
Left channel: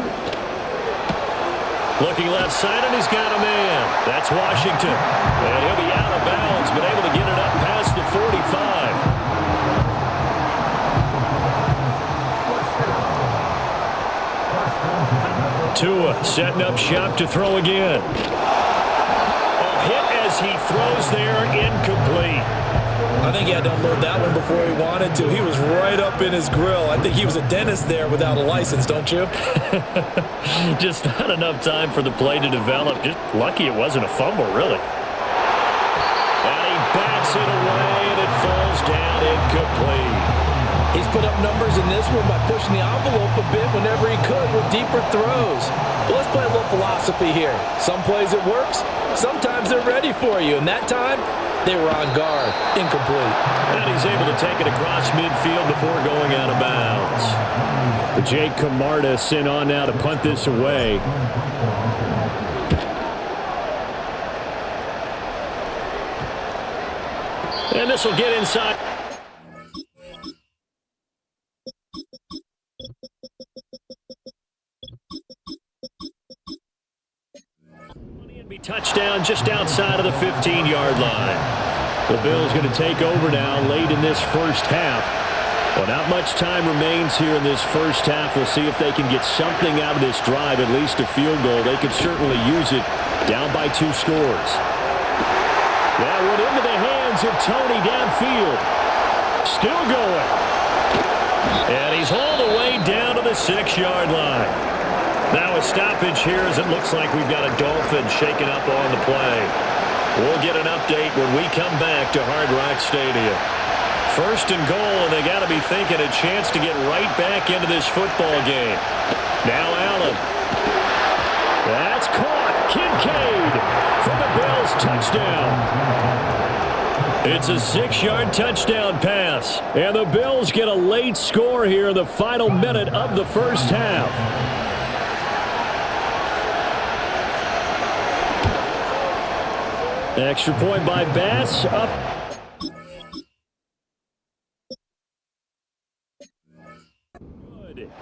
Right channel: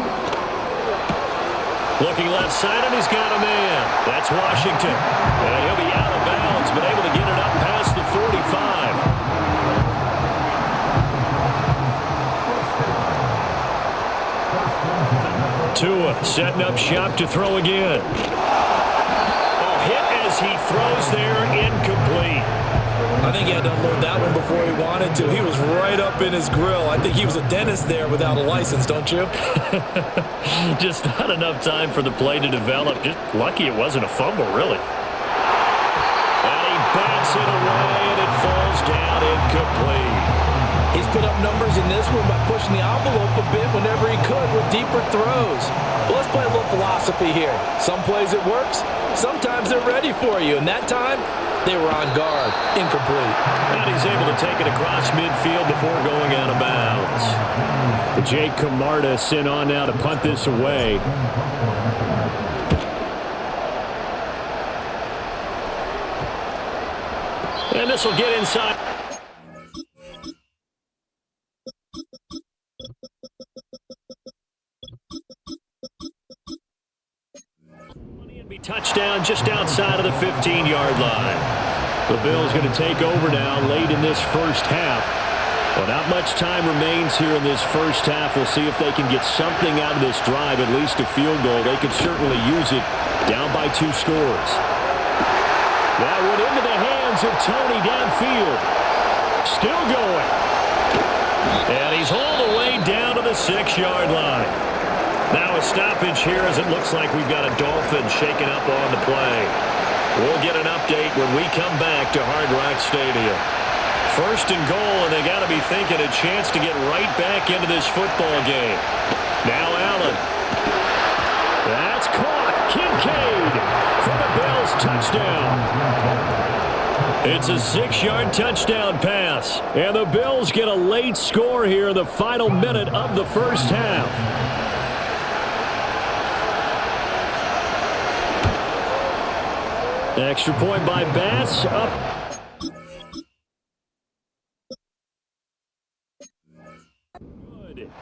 Looking left side, and he's got a man. That's Washington. And he'll be out of bounds, but able to get it up past the 45. Tua setting up shop to throw again. Hit as he throws there, incomplete. I think he had to unload that one before he wanted to. He was right up in his grill. I think he was a dentist there without a license, don't you? Just not enough time for the play to develop. Just lucky it wasn't a fumble, really. And he bats it away, and it falls down incomplete. He's put up numbers in this one by pushing the envelope a bit whenever he could with deeper throws. But let's play a little philosophy here. Some plays it works. Sometimes they're ready for you. And that time, they were on guard. Incomplete. And he's able to take it across midfield before going out of bounds. Jake Camarda sent on now to punt this away. And this will get inside. Touchdown just outside of the 15-yard line. The Bills going to take over now late in this first half. Well, not much time remains here in this first half. We'll see if they can get something out of this drive, at least a field goal. They could certainly use it down by 2 scores. That went into the hands of Tony downfield. Still going. And he's all the way down to the 6-yard line. Now a stoppage here as it looks like we've got a Dolphin shaking up on the play. We'll get an update when we come back to Hard Rock Stadium. 1st and goal, and they got to be thinking a chance to get right back into this football game. Now Allen. That's caught. Kincaid for the Bills touchdown. It's a 6-yard touchdown pass, and the Bills get a late score here in the final minute of the first half. Extra point by Bass, up.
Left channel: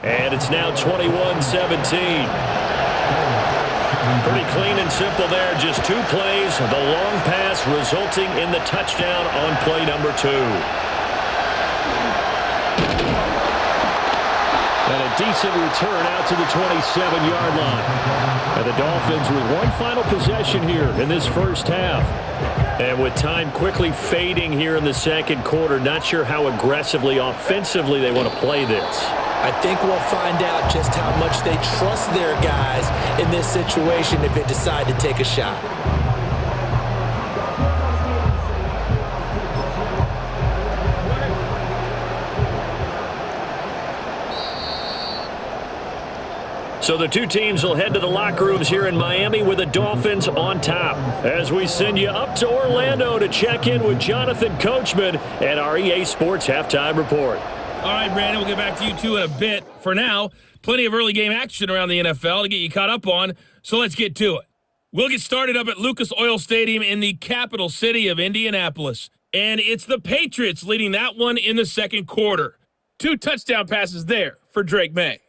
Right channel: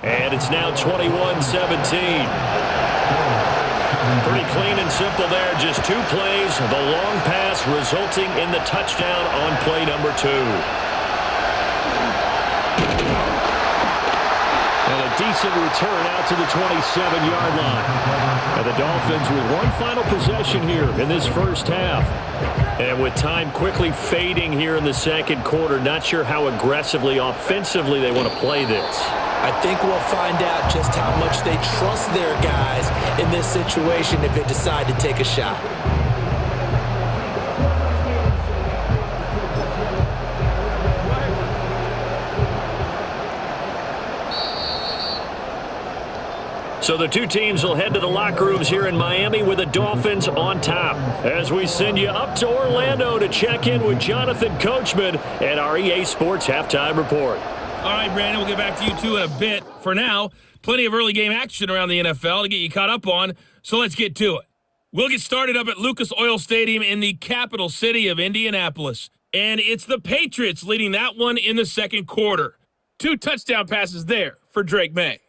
And it's now 21-17. Pretty clean and simple there. Just 2 plays. The long pass resulting in the touchdown on play number 2. And a decent return out to the 27-yard line. And the Dolphins with one final possession here in this first half. And with time quickly fading here in the second quarter, not sure how aggressively, offensively they want to play this. I think we'll find out just how much they trust their guys in this situation if they decide to take a shot. So the 2 teams will head to the locker rooms here in Miami with the Dolphins on top. As we send you up to Orlando to check in with Jonathan Coachman at our EA Sports Halftime Report. All right, Brandon, we'll get back to you two in a bit. For now, Plenty of early game action around the NFL to get you caught up on, so let's get to it. We'll get started up at Lucas Oil Stadium in the capital city of Indianapolis. And it's the Patriots leading that one in the second quarter. 2 touchdown passes there for Drake May.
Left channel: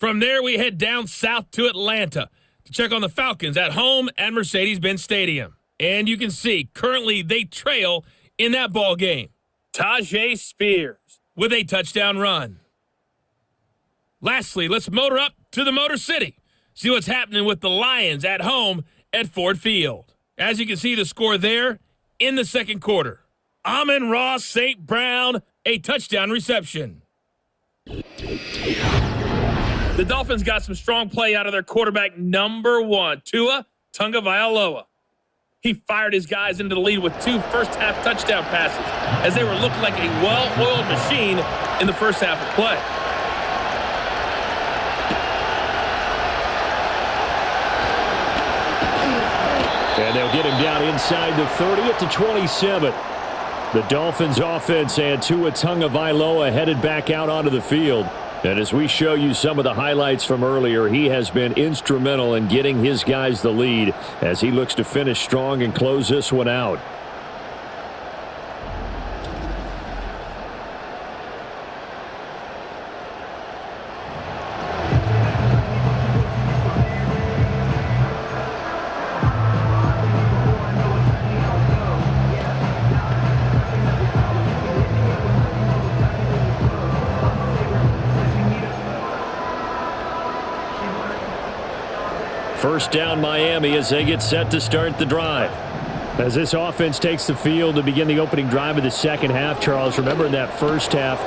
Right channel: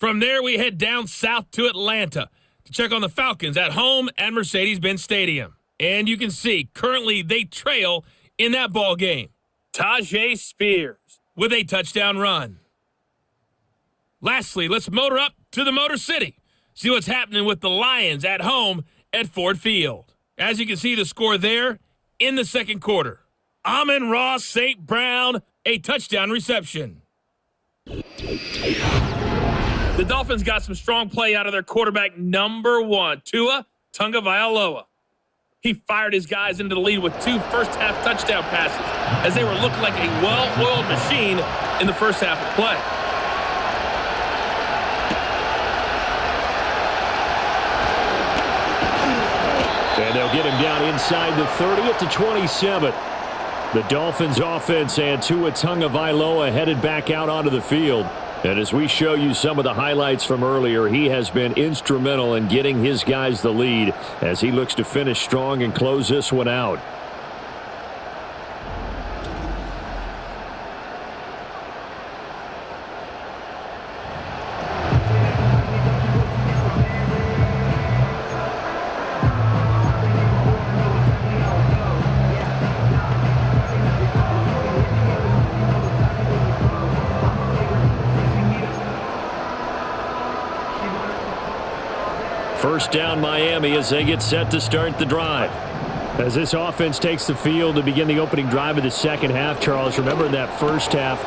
From there, we head down south to Atlanta to check on the Falcons at home at Mercedes-Benz Stadium. And you can see, currently they trail in that ball game. Tajay Spears with a touchdown run. Lastly, let's motor up to the Motor City. See what's happening with the Lions at home at Ford Field. As you can see, the score there in the second quarter. Amon-Ra St. Brown, a touchdown reception. The Dolphins got some strong play out of their quarterback number 1, Tua Tagovailoa. He fired his guys into the lead with 2 first-half touchdown passes as they were looking like a well-oiled machine in the first half of play. And they'll get him down inside the 30 at the 27. The Dolphins offense and Tua Tagovailoa headed back out onto the field. And as we show you some of the highlights from earlier, he has been instrumental in getting his guys the lead as he looks to finish strong and close this one out. First down Miami as they get set to start the drive. As this offense takes the field to begin the opening drive of the second half, Charles, remember in that first half,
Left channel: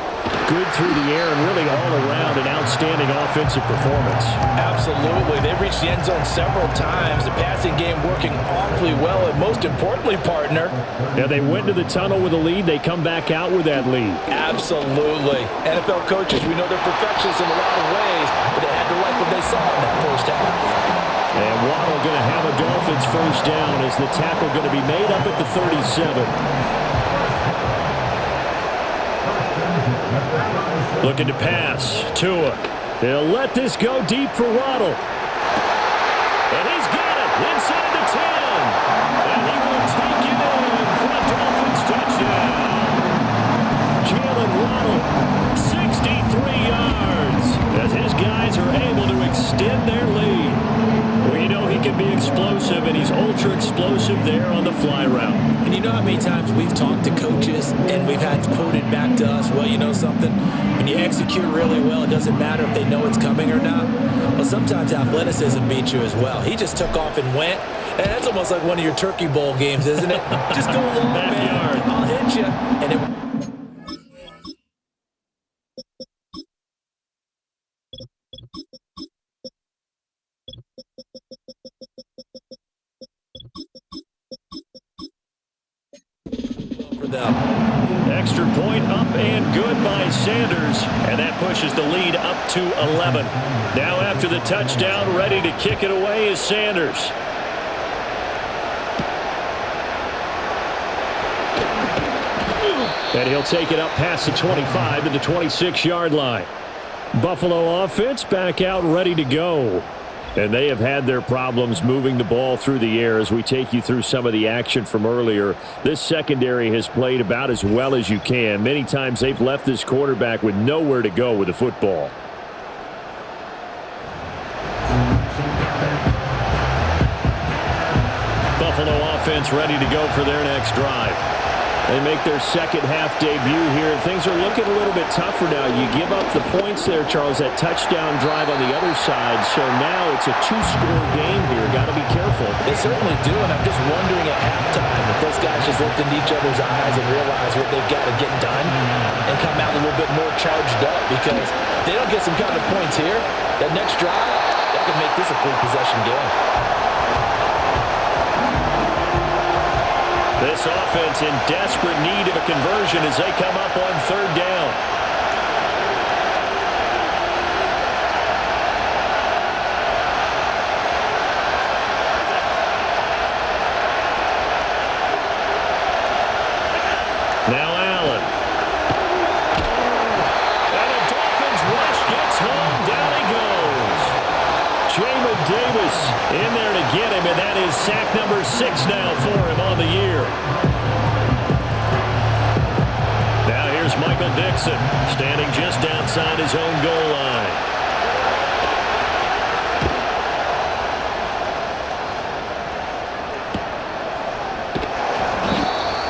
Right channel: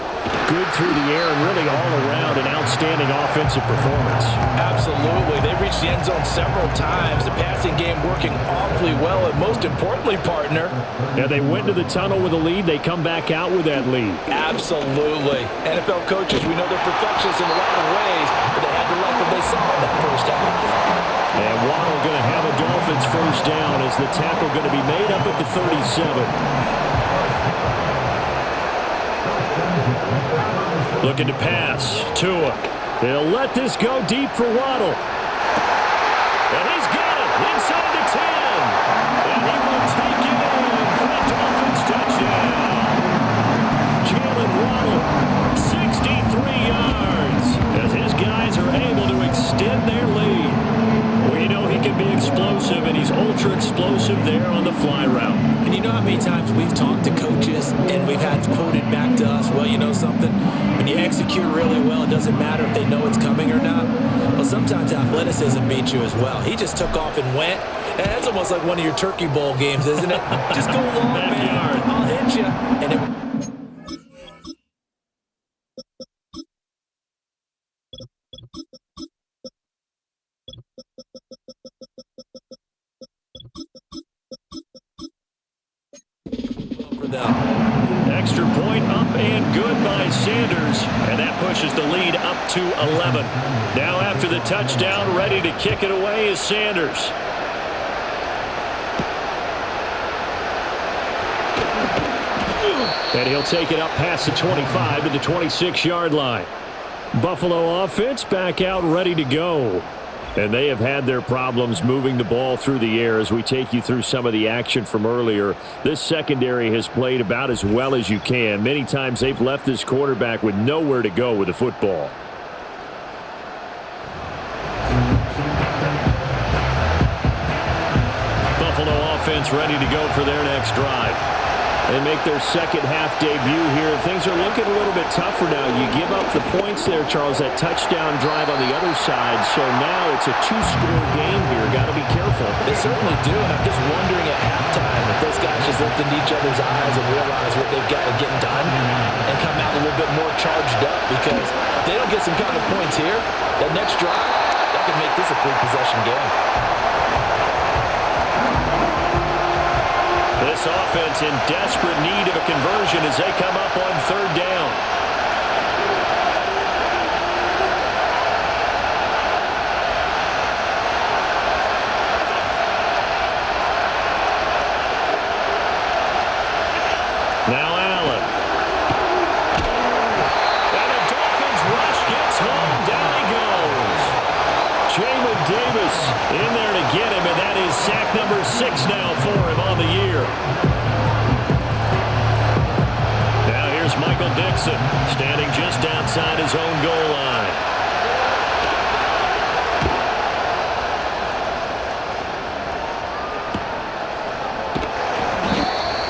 good through the air and really all around an outstanding offensive performance. Absolutely. They've reached the end zone several times. The passing game working awfully well, and most importantly, partner. Yeah, they went to the tunnel with a lead. They come back out with that lead. Absolutely. NFL coaches, we know they're perfectionists in a lot of ways, but they had to like what they saw in that first half. And Waddle going to have a Dolphins first down as the tackle going to be made up at the 37. Looking to pass. Tua. He'll let this go deep for Waddle. And he's got it inside the 10. And he will take it in for a Dolphins touchdown. Jalen Waddle, 63 yards, as his guys are able to extend their lead. We know he can be explosive, and he's ultra explosive there on the fly route. And you know how many times we've talked to coaches and we've had quoted back to us, well, you know something? When you execute really well, it doesn't matter if they know it's coming or not. Well, sometimes athleticism beats you as well. He just took off and went. And that's almost like one of your Turkey Bowl games, isn't it? Just go long, man. I'll hit you. And it... Extra point up and good by Sanders, and that pushes the lead up to 11. Now after the touchdown, ready to kick it away is Sanders. And he'll take it up past the 25 to the 26-yard line. Buffalo offense back out ready to go. And they have had their problems moving the ball through the air as we take you through some of the action from earlier. This secondary has played about as well as you can. Many times they've left this quarterback with nowhere to go with the football. Buffalo offense ready to go for their next drive. They make their second half debut here, and things are looking a little bit tougher now. You give up the points there, Charles, that touchdown drive on the other side. So now it's a 2-score game here. Got to be careful. They certainly do, and I'm just wondering at halftime if those guys just looked into each other's eyes and realized what they've got to get done and come out a little bit more charged up, because if they don't get some kind of points here, that next drive, that could make this a 3-possession game. This offense in desperate need of a conversion as they come up on third down. Now Allen. And the Dolphins rush get Jamin Davis in there to get him, and that is sack number 6 now for him on the year. Now here's Michael Dixon, standing just outside his own goal line.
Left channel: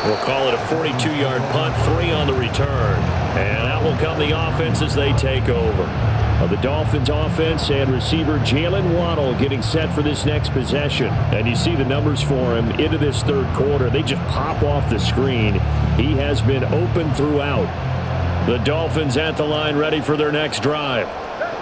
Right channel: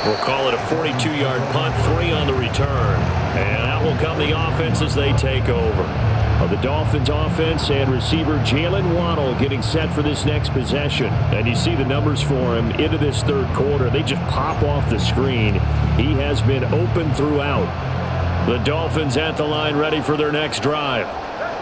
We'll call it a 42-yard punt, 3 on the return. And out will come the offense as they take over. The Dolphins offense and receiver Jalen Waddle getting set for this next possession. And you see the numbers for him into this third quarter. They just pop off the screen. He has been open throughout. The Dolphins at the line ready for their next drive.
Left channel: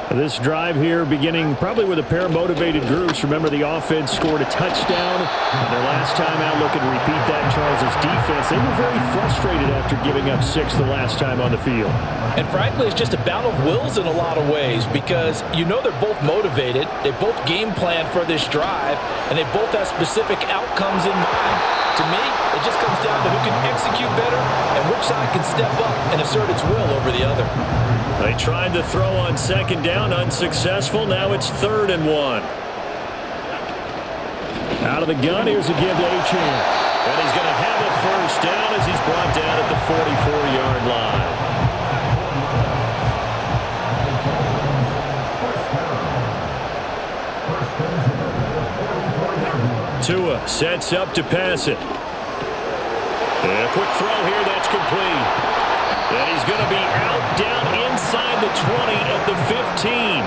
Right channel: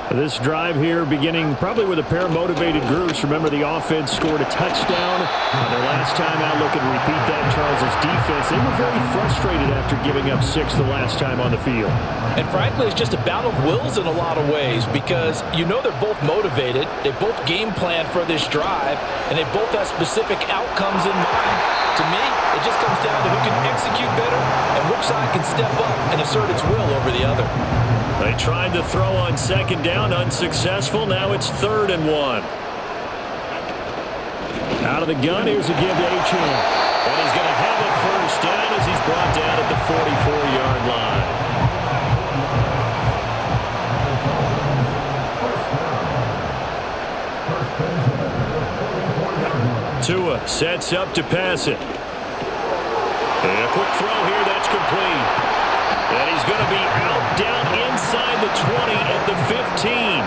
This drive here beginning probably with a pair of motivated groups. Remember, the offense scored a touchdown on their last time out. Looking to repeat that. Charles's defense, they were very frustrated after giving up 6 the last time on the field. And frankly, it's just a battle of wills in a lot of ways because you know they're both motivated. They both game plan for this drive, and they both have specific outcomes in mind. To me, it just comes down to who can execute better and which side can step up and assert its will over the other. They tried to throw on second down, unsuccessful. Now it's 3rd and 1. Out of the gun, here's a give to Achane. And he's going to have a first down as he's brought down at the 44-yard line. Tua sets up to pass it. And a quick throw here, that's complete. And he's going to be out down inside the 20 at the 15.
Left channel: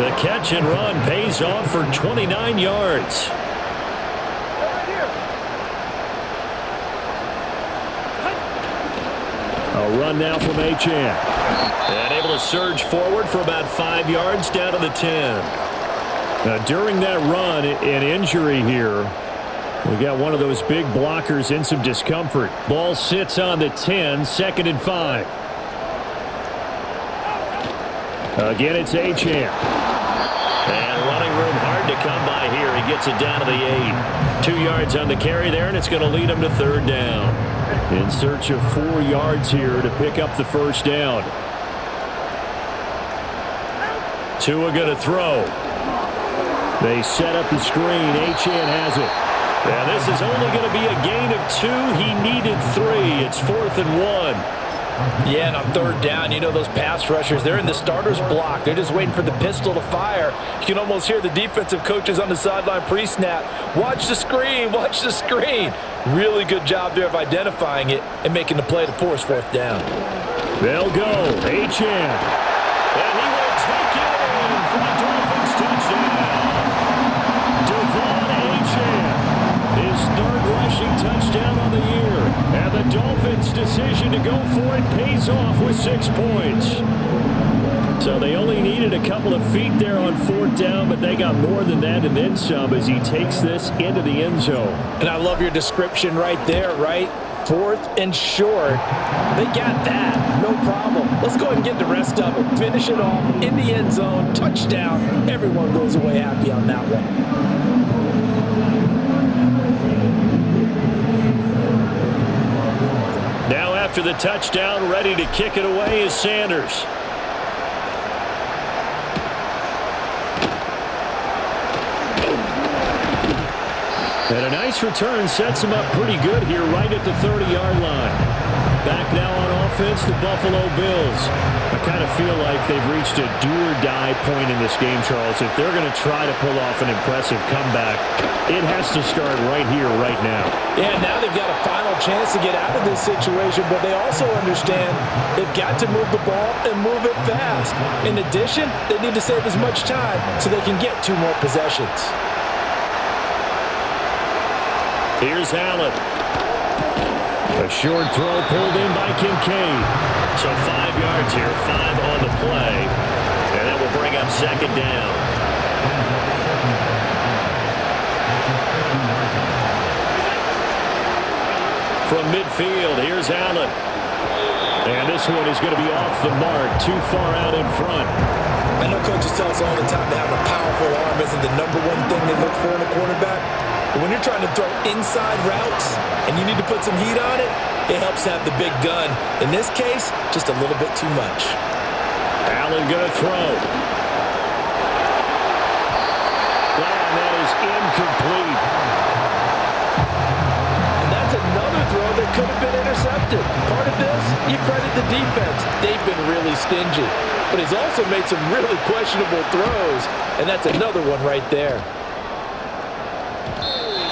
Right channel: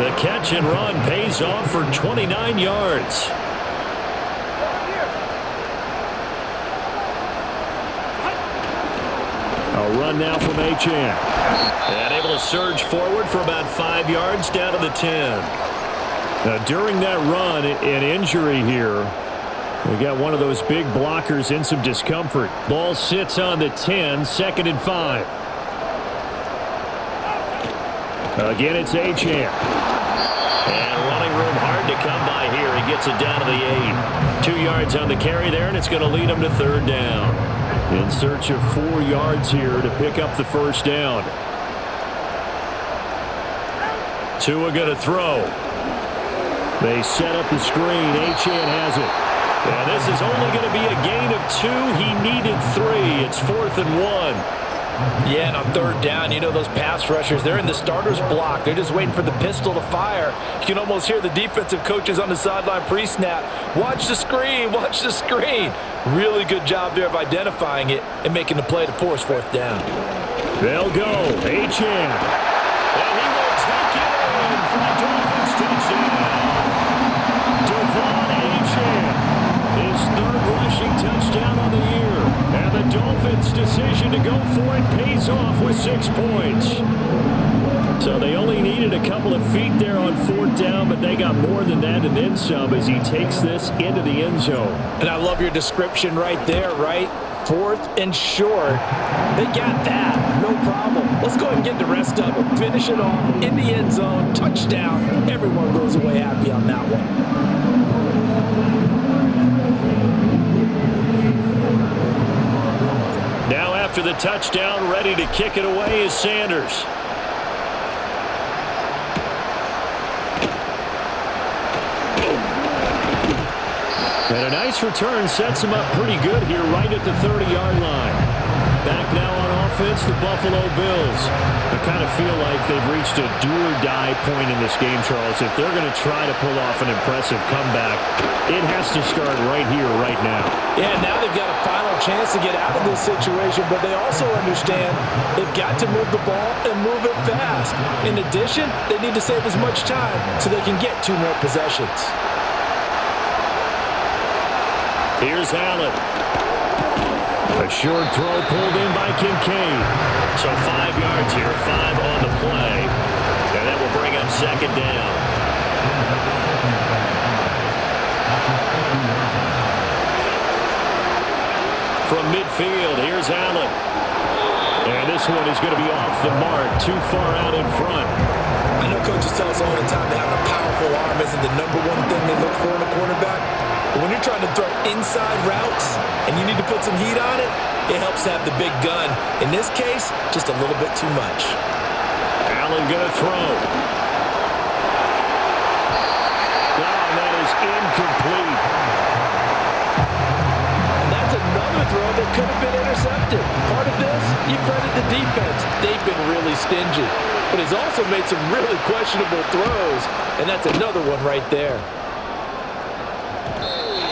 The catch and run pays off for 29 yards. A run now from Achane. And able to surge forward for about 5 yards down to the 10. Now, during that run, an injury here. We got one of those big blockers in some discomfort. Ball sits on the 10, 2nd and 5. Again, it's Achane. And running room hard to come by here. He gets it down to the 8. 2 yards on the carry there, and it's going to lead him to 3rd down. In search of 4 yards here to pick up the first down. Tua going to throw. They set up the screen. Achane has it. Now, this is only going to be a gain of 2. He needed 3. It's 4th and 1. Yeah, and on 3rd down, you know those pass rushers, they're in the starter's block. They're just waiting for the pistol to fire. You can almost hear the defensive coaches on the sideline pre-snap. Watch the screen, watch the screen. Really good job there of identifying it and making the play to force 4th down. They'll go. Achane. And he will take it in for the Dolphins touchdown. Devon Achane. His 3rd rushing touchdown on the year. And the Dolphins' decision to go for it pays off with 6 points. So they only needed a couple of feet there on 4th down, but they got more than that and then some as he takes this into the end zone. And I love your description right there, right? 4th and short. They got that. No problem. Let's go ahead and get the rest of them. Finish it off in the end zone. Touchdown. Everyone goes away happy on that one. Now after the touchdown, ready to kick it away is Sanders. And a nice return sets him up pretty good here right at the 30-yard line. Back now on offense, the Buffalo Bills. I kind of feel like they've reached a do-or-die point in this game, Charles. If they're going to try to pull off an impressive comeback, it has to start right here, right now. Yeah, now they've got a final chance to get out of this situation, but they also understand they've got to move the ball and move it fast. In addition, they need to save as much time so they can get 2 more possessions. Here's Allen. A short throw pulled in by Kincaid. So 5 yards here, 5 on the play. And that will bring up 2nd down. From midfield, here's Allen. And this one is going to be off the mark, too far out in front. I know coaches tell us all the time that having a powerful arm isn't the number one thing they look for in a quarterback. But when you're trying to throw inside routes and you need to put some heat on it, it helps to have the big gun. In this case, just a little bit too much. Allen going to throw. and that is incomplete. And that's another throw that could have been intercepted. Part of this, you credit the defense. They've been really stingy. But he's also made some really questionable throws, and that's another one right there.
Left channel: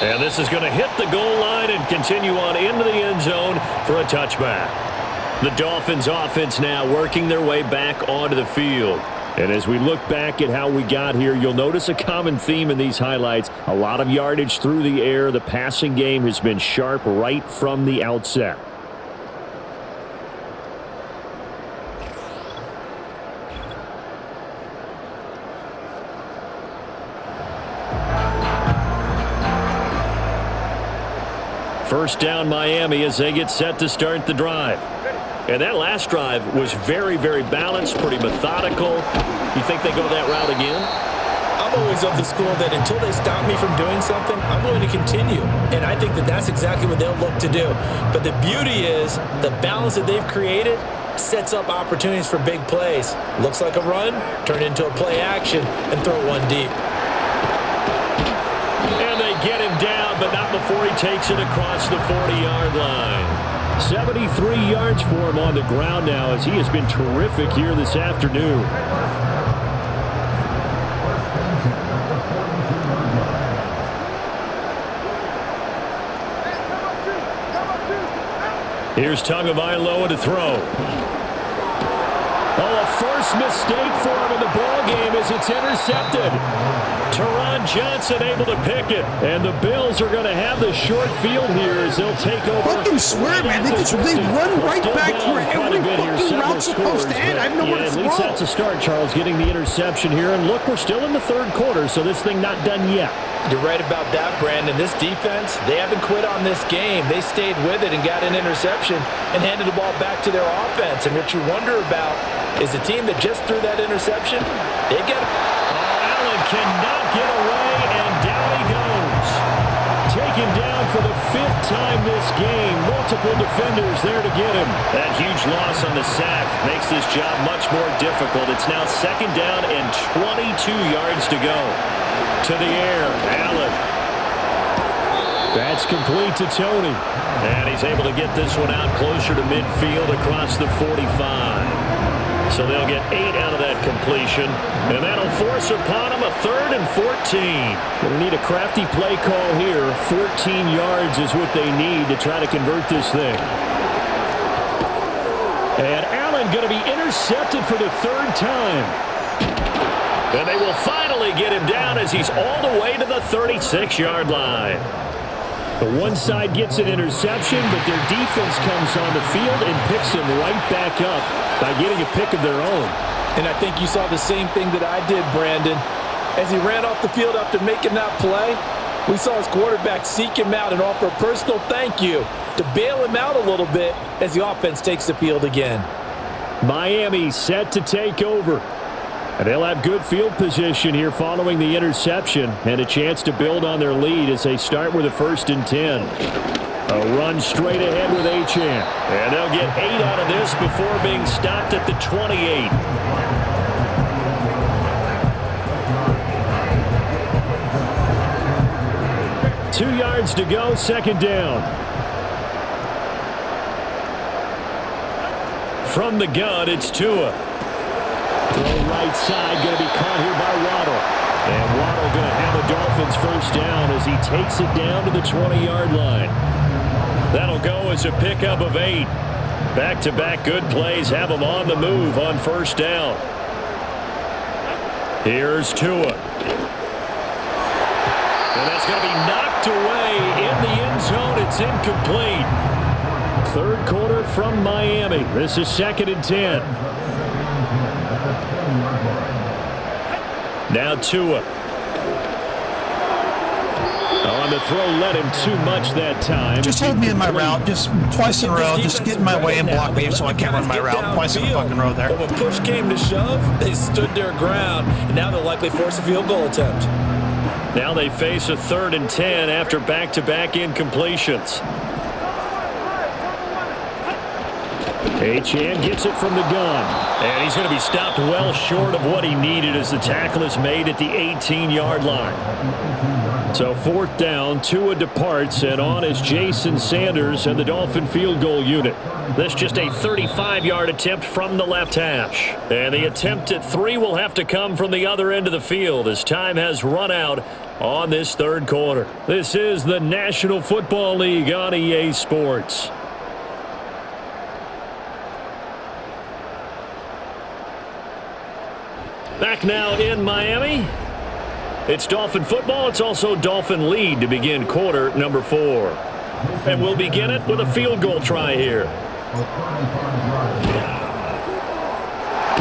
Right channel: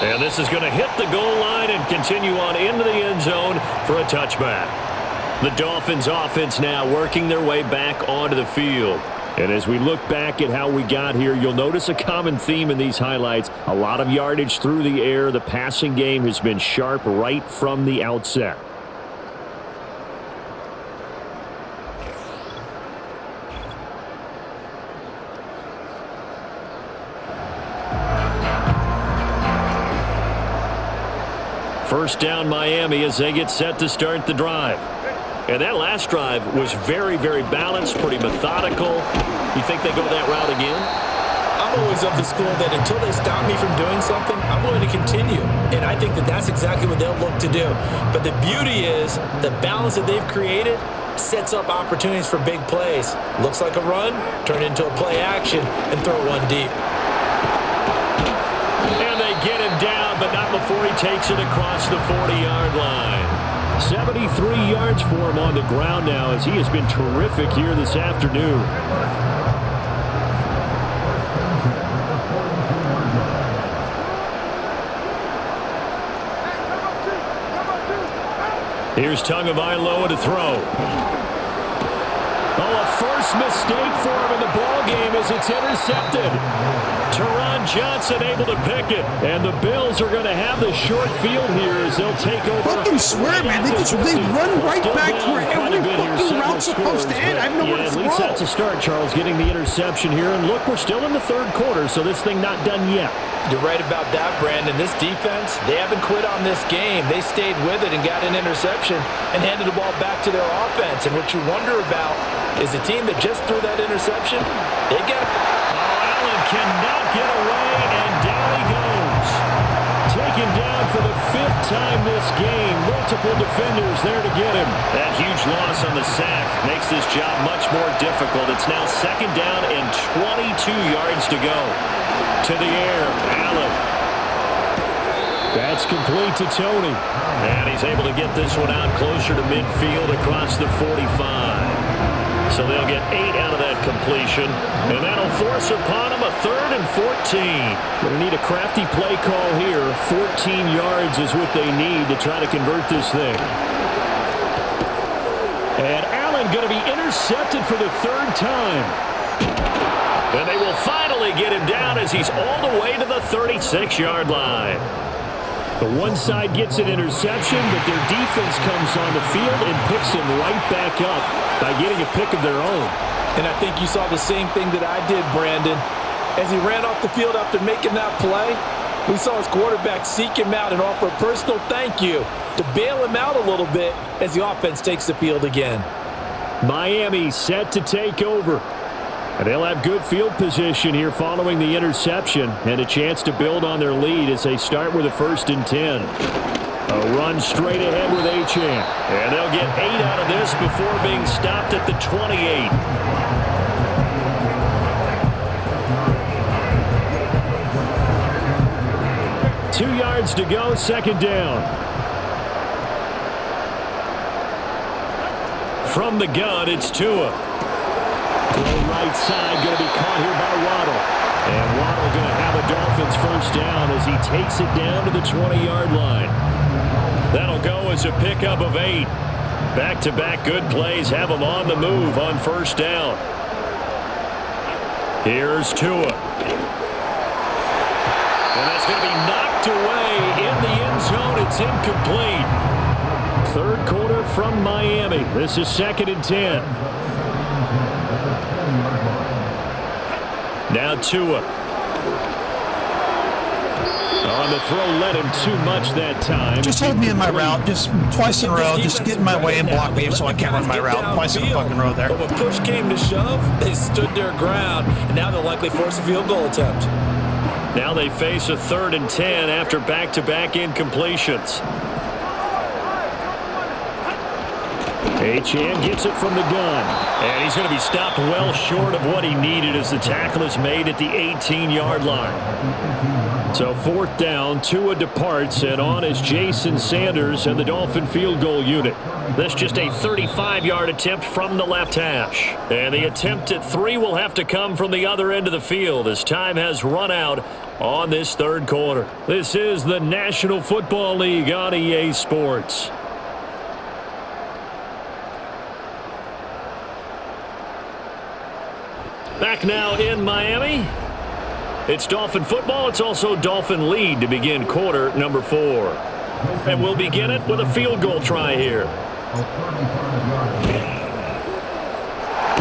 And this is going to hit the goal line and continue on into the end zone for a touchback. The Dolphins offense now working their way back onto the field. And as we look back at how we got here, you'll notice a common theme in these highlights. A lot of yardage through the air. The passing game has been sharp right from the outset. First down Miami as they get set to start the drive. And that last drive was very, very balanced, pretty methodical. You think they go that route again? I'm always of the school that until they stop me from doing something, I'm going to continue. And I think that that's exactly what they'll look to do. But the beauty is the balance that they've created sets up opportunities for big plays. Looks like a run, turn into a play action, and throw one deep. And they get him down, but not before he takes it across the 40-yard line. 73 yards for him on the ground now as he has been terrific here this afternoon. Here's Tagovailoa to throw. Oh, a first mistake for him in the ball game as it's intercepted. Teron Johnson able to pick it. And the Bills are going to have the short field here as they'll take over. Fucking swear, man. They run right back to where every fucking route's supposed to end. I have nowhere to throw. At least that's a start, Charles, getting the interception here. And look, we're still in the third quarter, so this thing not done yet. You're right about that, Brandon. This defense, they haven't quit on this game. They stayed with it and got an interception and handed the ball back to their offense. And what you wonder about is the team that just threw that interception, they got it. Oh, Allen cannot get away, and down he goes. Taken down for the 5th time this game. Multiple defenders there to get him. That huge loss on the sack makes this job much more difficult. It's now 2nd down and 22 yards to go. To the air, Allen. That's complete to Tony. And he's able to get this one out closer to midfield across the 45. So they'll get 8 out of that completion. And that'll force upon them a 3rd and 14. Going to need a crafty play call here. 14 yards is what they need to try to convert this thing. And Allen going to be intercepted for the 3rd time. And they will finally get him down as he's all the way to the 36-yard line. The one side gets an interception, but their defense comes on the field and picks him right back up by getting a pick of their own. And I think you saw the same thing that I did, Brandon. As he ran off the field after making that play, we saw his quarterback seek him out and offer a personal thank you to bail him out a little bit as the offense takes the field again. Miami set to take over. And they'll have good field position here following the interception and a chance to build on their lead as they start with a 1st and 10. A run straight ahead with Achane. And they'll get 8 out of this before being stopped at the 28. Two yards to go, 2nd down. From the gun, it's Tua. Throw right side, going to be caught here by Waddle. And Waddle going to have a Dolphins 1st down as he takes it down to the 20-yard line. That'll go as a pickup of 8. Back-to-back good plays have them on the move on 1st down. Here's Tua. And that's going to be knocked away in the end zone. It's incomplete. 3rd quarter from Miami. This is 2nd and 10. Now Tua. On the throw, led him too much that time. Just hold me in my route, just twice in a row. Just get in my way and block me so I can't run my route twice in a fucking row there. But when push came to shove, they stood their ground, and now they'll likely force a field goal attempt. Now they face a 3rd and 10 after back-to-back incompletions. Achane gets it from the gun. And he's going to be stopped well short of what he needed as the tackle is made at the 18-yard line. So 4th down, Tua departs, and on is Jason Sanders and the Dolphin field goal unit. This just a 35-yard attempt from the left hash. And the attempt at 3 will have to come from the other end of the field as time has run out on this 3rd quarter. This is the National Football League on EA Sports. Back now in Miami. It's Dolphin football. It's also Dolphin lead to begin quarter number 4. And we'll begin it with a field goal try here.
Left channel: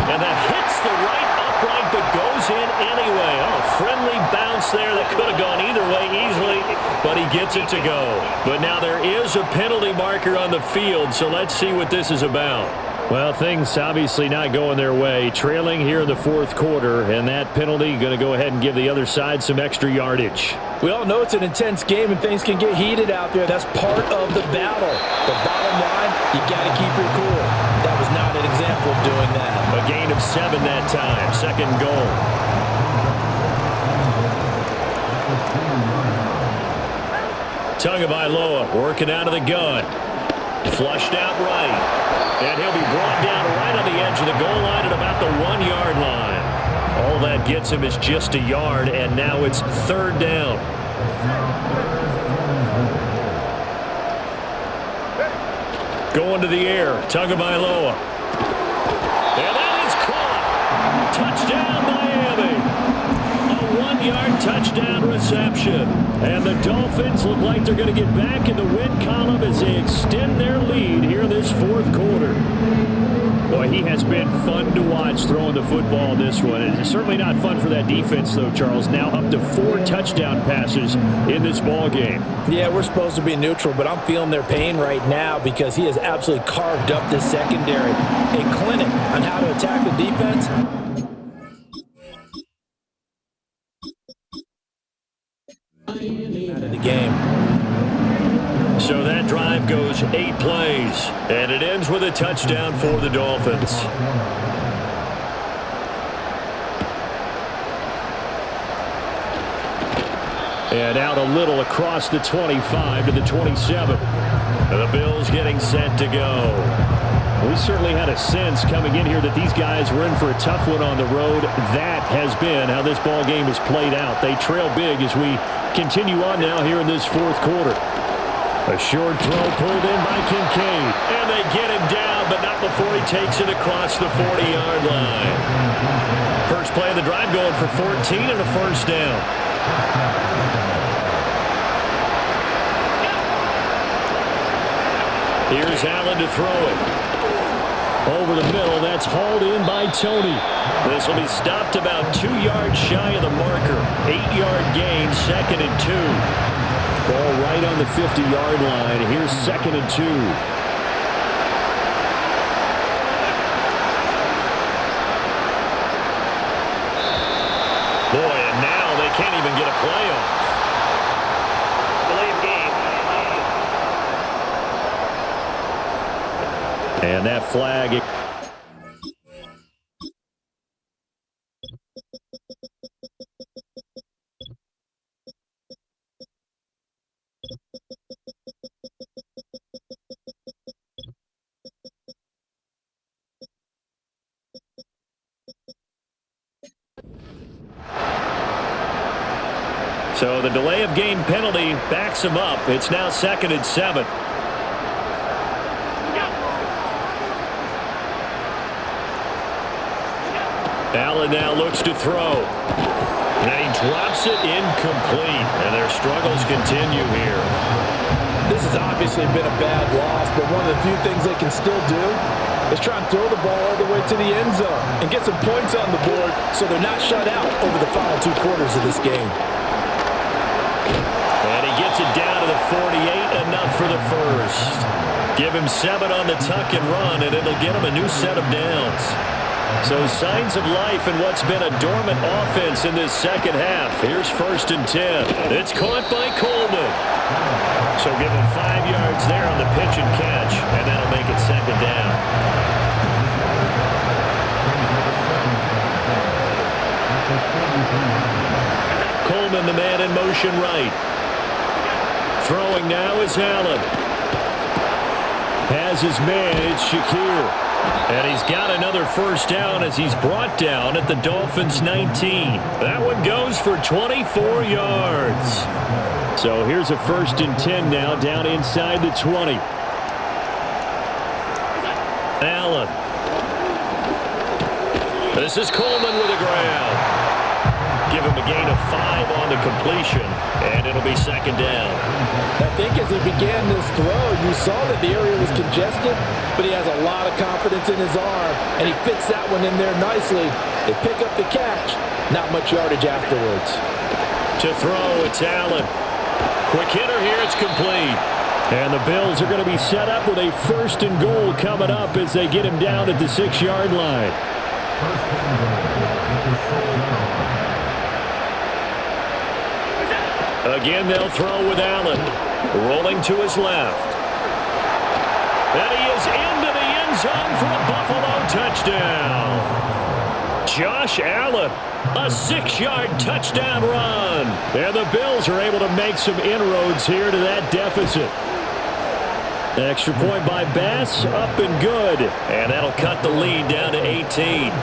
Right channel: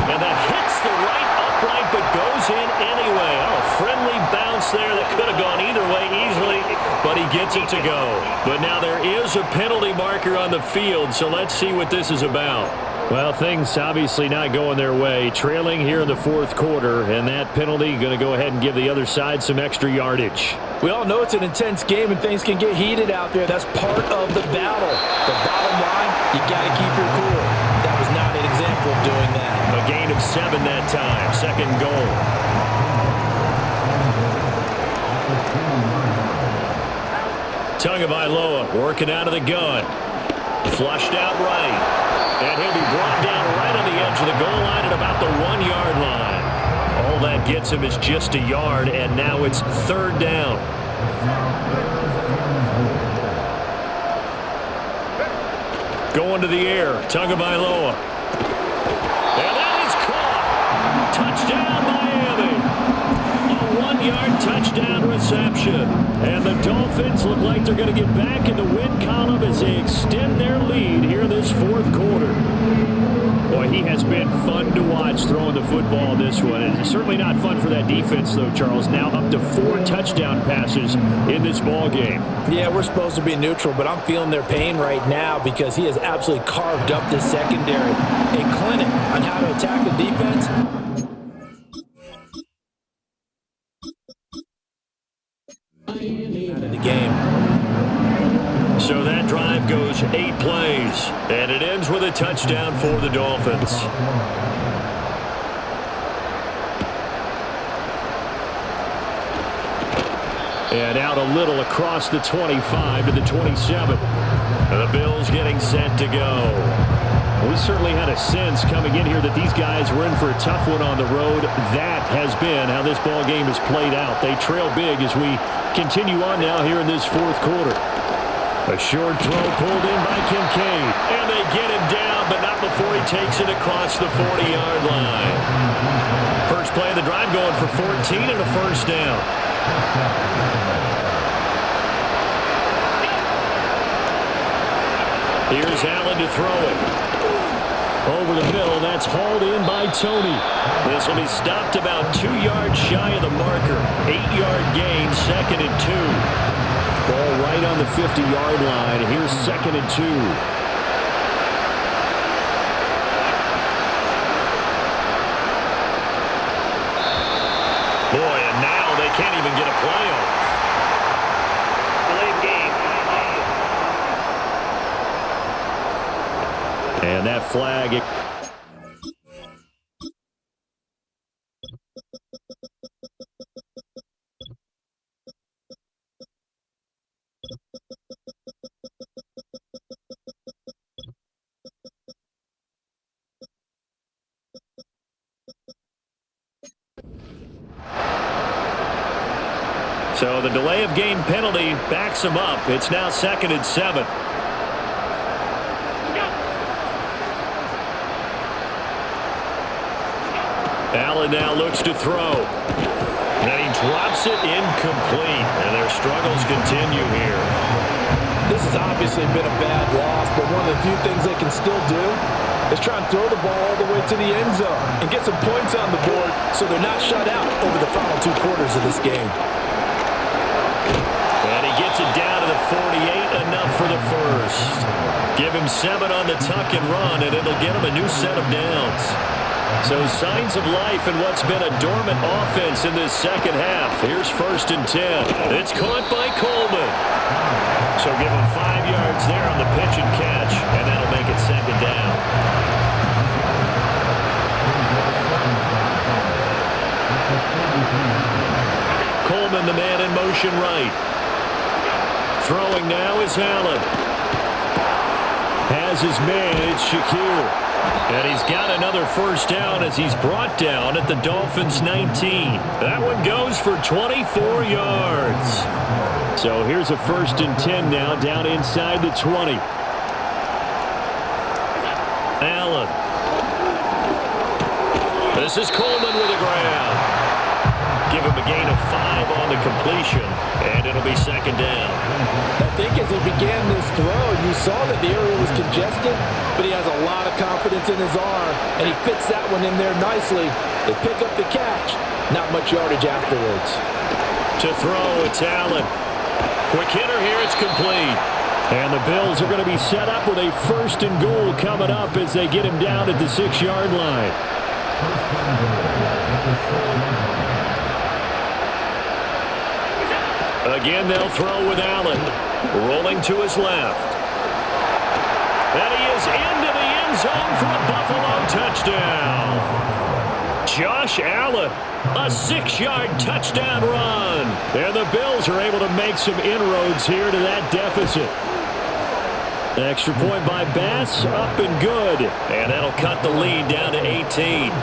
And that hits the right upright but goes in anyway. Oh, friendly bounce there that could have gone either way easily, but he gets it to go. But now there is a penalty marker on the field, so let's see what this is about. Well, things obviously not going their way. Trailing here in the 4th quarter, and that penalty going to go ahead and give the other side some extra yardage. We all know it's an intense game and things can get heated out there. That's part of the battle. But bottom line, you got to keep your cool. That was not an example of doing that. A gain of 7 that time. 2nd goal. Tagovailoa working out of the gun. Flushed out right. And he'll be brought down right on the edge of the goal line at about the 1-yard line. All that gets him is just a yard, and now it's 3rd down. Going to the air, Tagovailoa. And that is caught. Touchdown, Miami. A 1-yard touchdown reception. And the Dolphins look like they're going to get back in the win column as they extend their lead here in this 4th quarter. Boy, he has been fun to watch throwing the football in this one. It's certainly not fun for that defense, though, Charles. Now up to 4 touchdown passes in this ball game. Yeah, we're supposed to be neutral, but I'm feeling their pain right now because he has absolutely carved up this secondary. A clinic on how to attack a defense. Out of the game. So that drive goes 8 plays, and it ends with a touchdown for the Dolphins. And out a little across the 25 to the 27. And the Bills getting set to go. We certainly had a sense coming in here that these guys were in for a tough one on the road. That has been how this ball game has played out. They trail big as we continue on now here in this 4th quarter. A short throw pulled in by Kincaid. And they get him down, but not before he takes it across the 40-yard line. First play of the drive going for 14 and a 1st down. Here's Allen to throw it. Over the middle, that's hauled in by Tony. This will be stopped about 2 yards shy of the marker. 8-yard gain, 2nd and 2. Ball right on the 50-yard line. Here's 2nd and 2. Boy, and now they can't even get a play off. Delay of game. And that flag. So the delay of game penalty backs him up. It's now 2nd and 7. Allen now looks to throw. And he drops it incomplete. And their struggles continue here. This has obviously been a bad loss, but one of the few things they can still do is try and throw the ball all the way to the end zone and get some points on the board so they're not shut out over the final 2 quarters of this game. And he gets it down to the 48, enough for the first. Give him 7 on the tuck and run, and it'll get him a new set of downs. So signs of life in what's been a dormant offense in this second half. Here's 1st and 10. It's caught by Coleman. So give him 5 yards there on the pitch and catch, and that'll make it 2nd down. Coleman, the man in motion right. Throwing now is Allen. Has his man, it's Shakir. And he's got another 1st down as he's brought down at the Dolphins' 19. That one goes for 24 yards. So here's a 1st and 10 now down inside the 20. Allen. This is Coleman with a grab. Give him a gain of 5 on the completion, and it'll be 2nd down. I think as he began this throw, you saw that the area was congested, but he has a lot of confidence in his arm, and he fits that one in there nicely. They pick up the catch. Not much yardage afterwards. To throw, it's Allen. Quick hitter here, it's complete. And the Bills are going to be set up with a 1st and goal coming up as they get him down at the 6-yard line. 1st and goal at the 6-yard line. Again, they'll throw with Allen. Rolling to his left. And he is into the end zone for a Buffalo touchdown. Josh Allen, a 6-yard touchdown run. And the Bills are able to make some inroads here to that deficit. Extra point by Bass, up and good. And that'll cut the lead down to 18.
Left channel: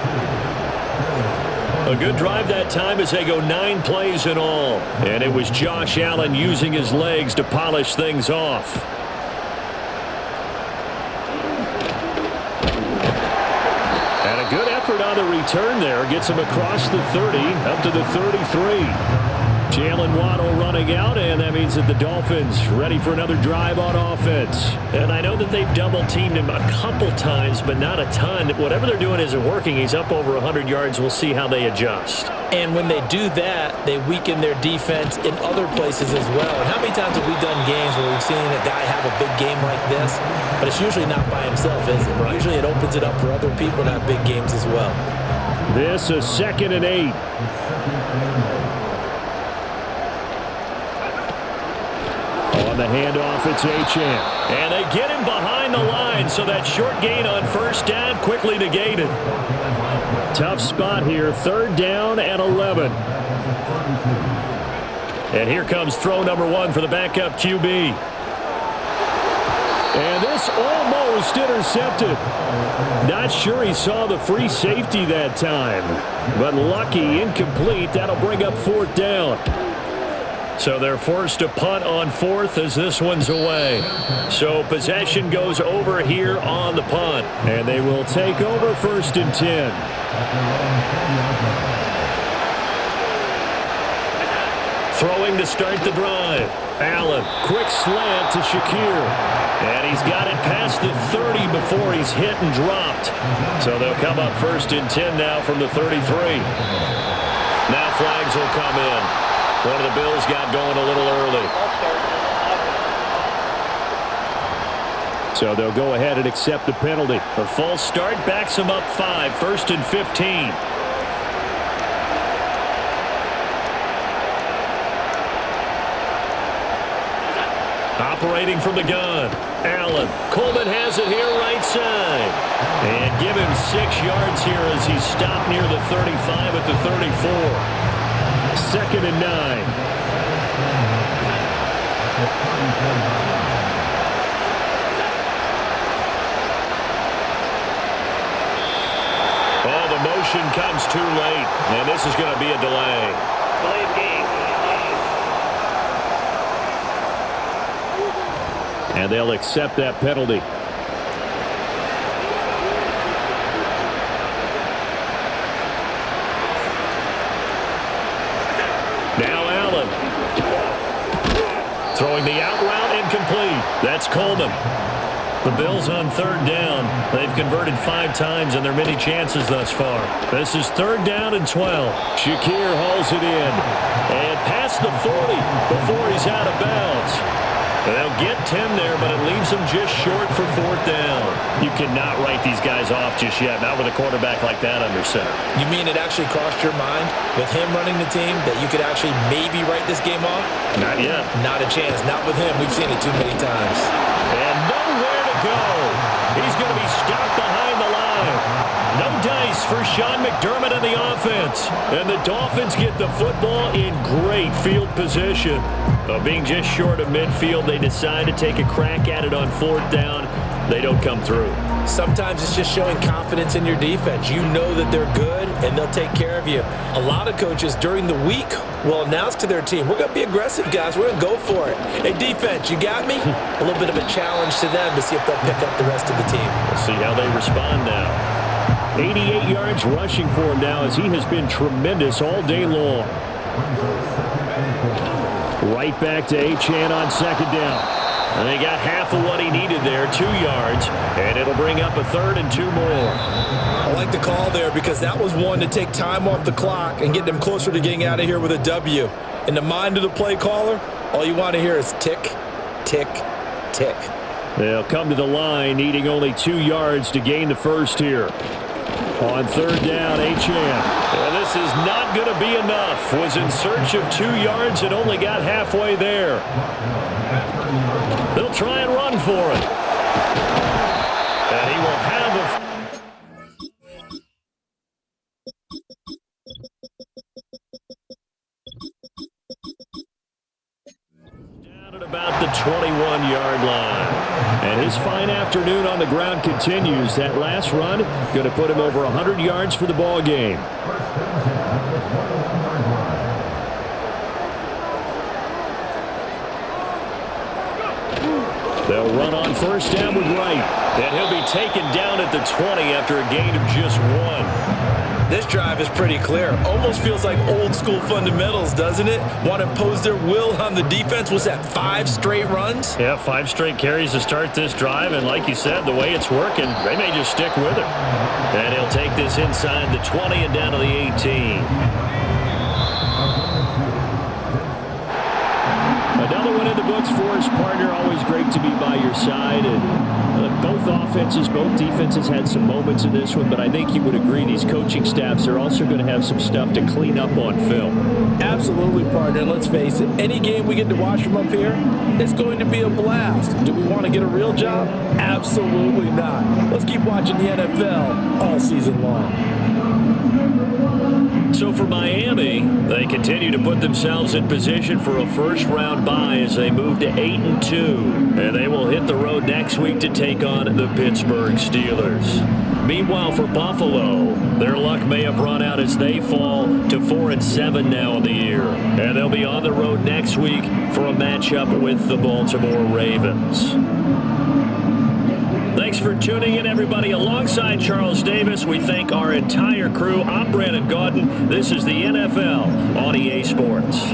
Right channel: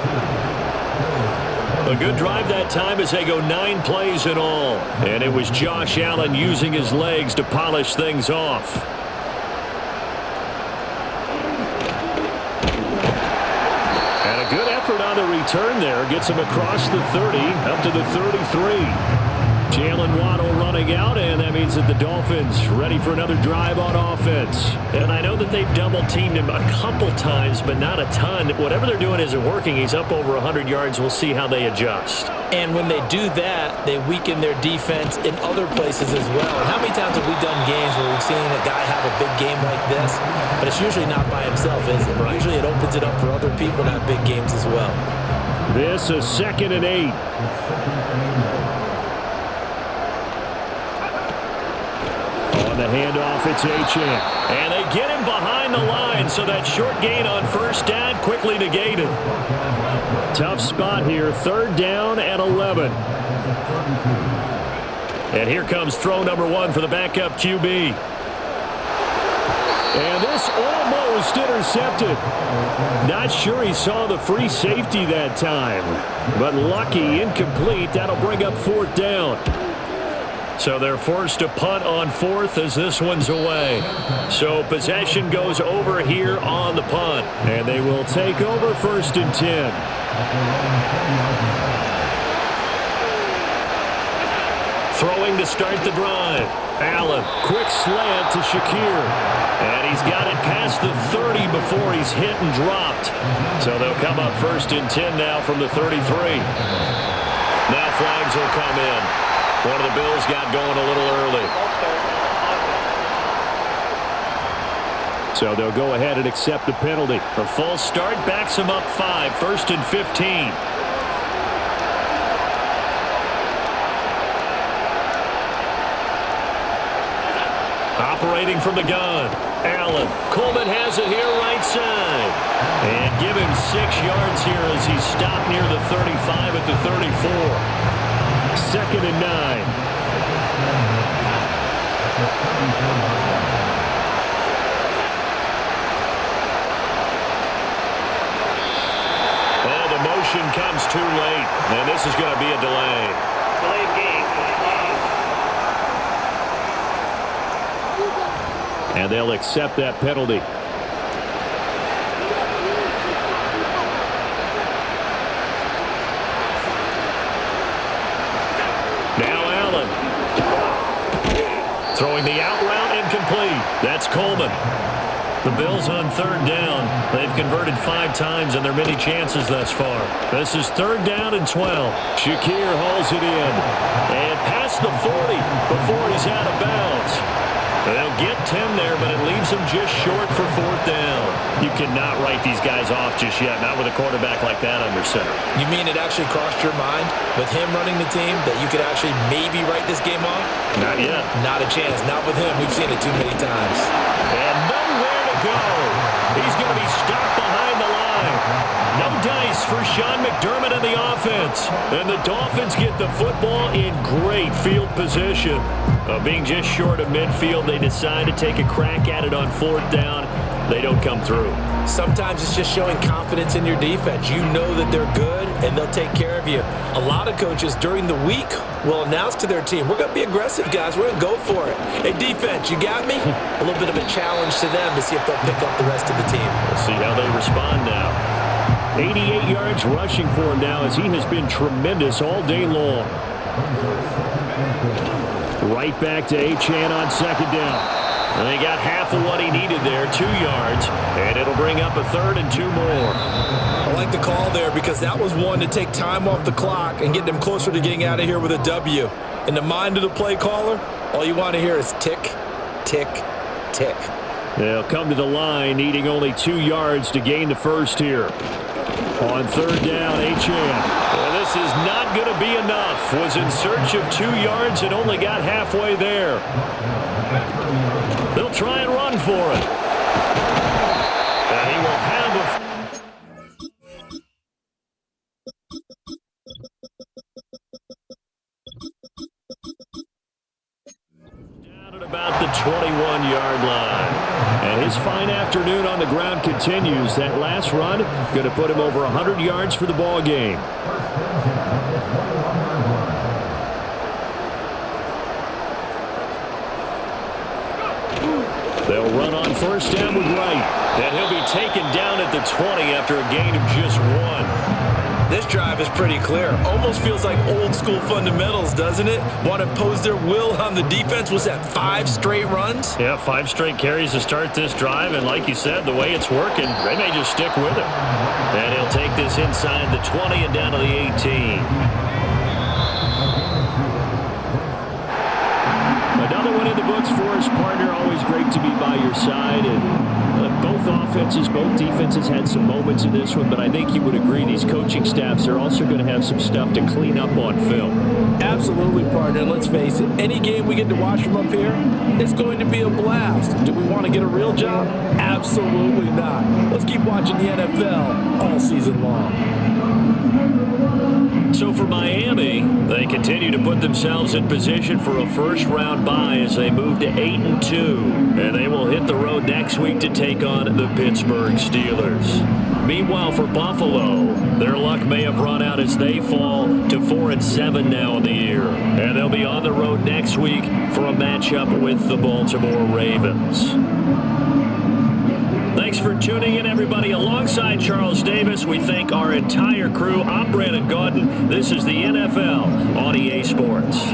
A good drive that time as they go 9 plays in all. And it was Josh Allen using his legs to polish things off. And a good effort on the return there. Gets him across the 30, up to the 33. Jalen Waddle running out, and that means that the Dolphins ready for another drive on offense. And I know that they've double-teamed him a couple times, but not a ton. Whatever they're doing isn't working. He's up over 100 yards. We'll see how they adjust. And when they do that, they weaken their defense in other places as well. And how many times have we done games where we've seen a guy have a big game like this, but it's usually not by himself, is it? Right. Usually it opens it up for other people to have big games as well. This is 2nd and 8. On the handoff, it's Achane. And they get him behind the line, so that short gain on 1st down quickly negated. Tough spot here, 3rd down and 11. And here comes throw number 1 for the backup QB. And this almost intercepted. Not sure he saw the free safety that time. But lucky, incomplete. That'll bring up 4th down. So they're forced to punt on 4th as this one's away. So possession goes over here on the punt. And they will take over 1st and 10. Throwing to start the drive. Allen, quick slant to Shakir. And he's got it past the 30 before he's hit and dropped. So they'll come up 1st and 10 now from the 33. Now flags will come in. One of the Bills got going a little early. So they'll go ahead and accept the penalty. The false start backs them up 5, 1st and 15. Operating from the gun. Allen. Coleman has it here right side. And give him 6 yards here as he's stopped near the 35 at the 34. 2nd and 9. Oh, the motion comes too late. And this is going to be a delay. Delay of game. And they'll accept that penalty. Now Allen. Throwing the out route incomplete. That's Coleman. The Bills on 3rd down. They've converted 5 times in their many chances thus far. This is 3rd down and 12. Shakir hauls it in. And past the 40 before he's out of bounds. They'll get 10 there, but it leaves them just short for 4th down. You cannot write these guys off just yet, not with a quarterback like that under center. You mean it actually crossed your mind with him running the team that you could actually maybe write this game off? Not yet. Not a chance. Not with him. We've seen it too many times. And nowhere to go. He's going to be stopped behind the line. No dice for Sean McDermott and the offense. And the Dolphins get the football in great field position. Being just short of midfield, they decide to take a crack at it on 4th down. They don't come through. Sometimes it's just showing confidence in your defense. You know that they're good, and they'll take care of you. A lot of coaches during the week will announce to their team, we're going to be aggressive, guys. We're going to go for it. Hey, defense, you got me? A little bit of a challenge to them to see if they'll pick up the rest of the team. We'll see how they respond now. 88 yards rushing for him now as he has been tremendous all day long. Right back to Achane on 2nd down. And they got half of what he needed there, 2 yards, and it'll bring up a 3rd and 2 more. I like the call there because that was one to take time off the clock and get them closer to getting out of here with a W. In the mind of the play caller, all you want to hear is tick, tick, tick. They'll come to the line needing only 2 yards to gain the first here. On 3rd down, Achane. And this is not going to be enough. Was in search of 2 yards and only got halfway there. They'll try and run for it. And he will have a... Down at about the 21-yard line. And his fine afternoon on the ground continues. That last run going to put him over 100 yards for the ball game. They'll run on 1st down with Wright. And he'll be taken down at the 20 after a gain of just 1. This drive is pretty clear. Almost feels like old school fundamentals, doesn't it? Want to impose their will on the defense. Was that 5 straight runs? Yeah, 5 straight carries to start this drive. And like you said, the way it's working, they may just stick with it. And he'll take this inside the 20 and down to the 18. Another one in the books for his partner. Always great to be by your side. And both offenses, both defenses had some moments in this one, but I think you would agree these coaching staffs are also going to have some stuff to clean up on film. Absolutely, partner. And let's face it, any game we get to watch from up here, it's going to be a blast. Do we want to get a real job? Absolutely not. Let's keep watching the NFL all season long. So for Miami, they continue to put themselves in position for a first-round bye as they move to 8-2. And they will hit the road next week to take on the Pittsburgh Steelers. Meanwhile, for Buffalo, their luck may have run out as they fall to 4-7 now in the year. And they'll be on the road next week for a matchup with the Baltimore Ravens. Thanks for tuning in, everybody. Alongside Charles Davis, we thank our entire crew. I'm Brandon Gaudin. This is the NFL on EA Sports.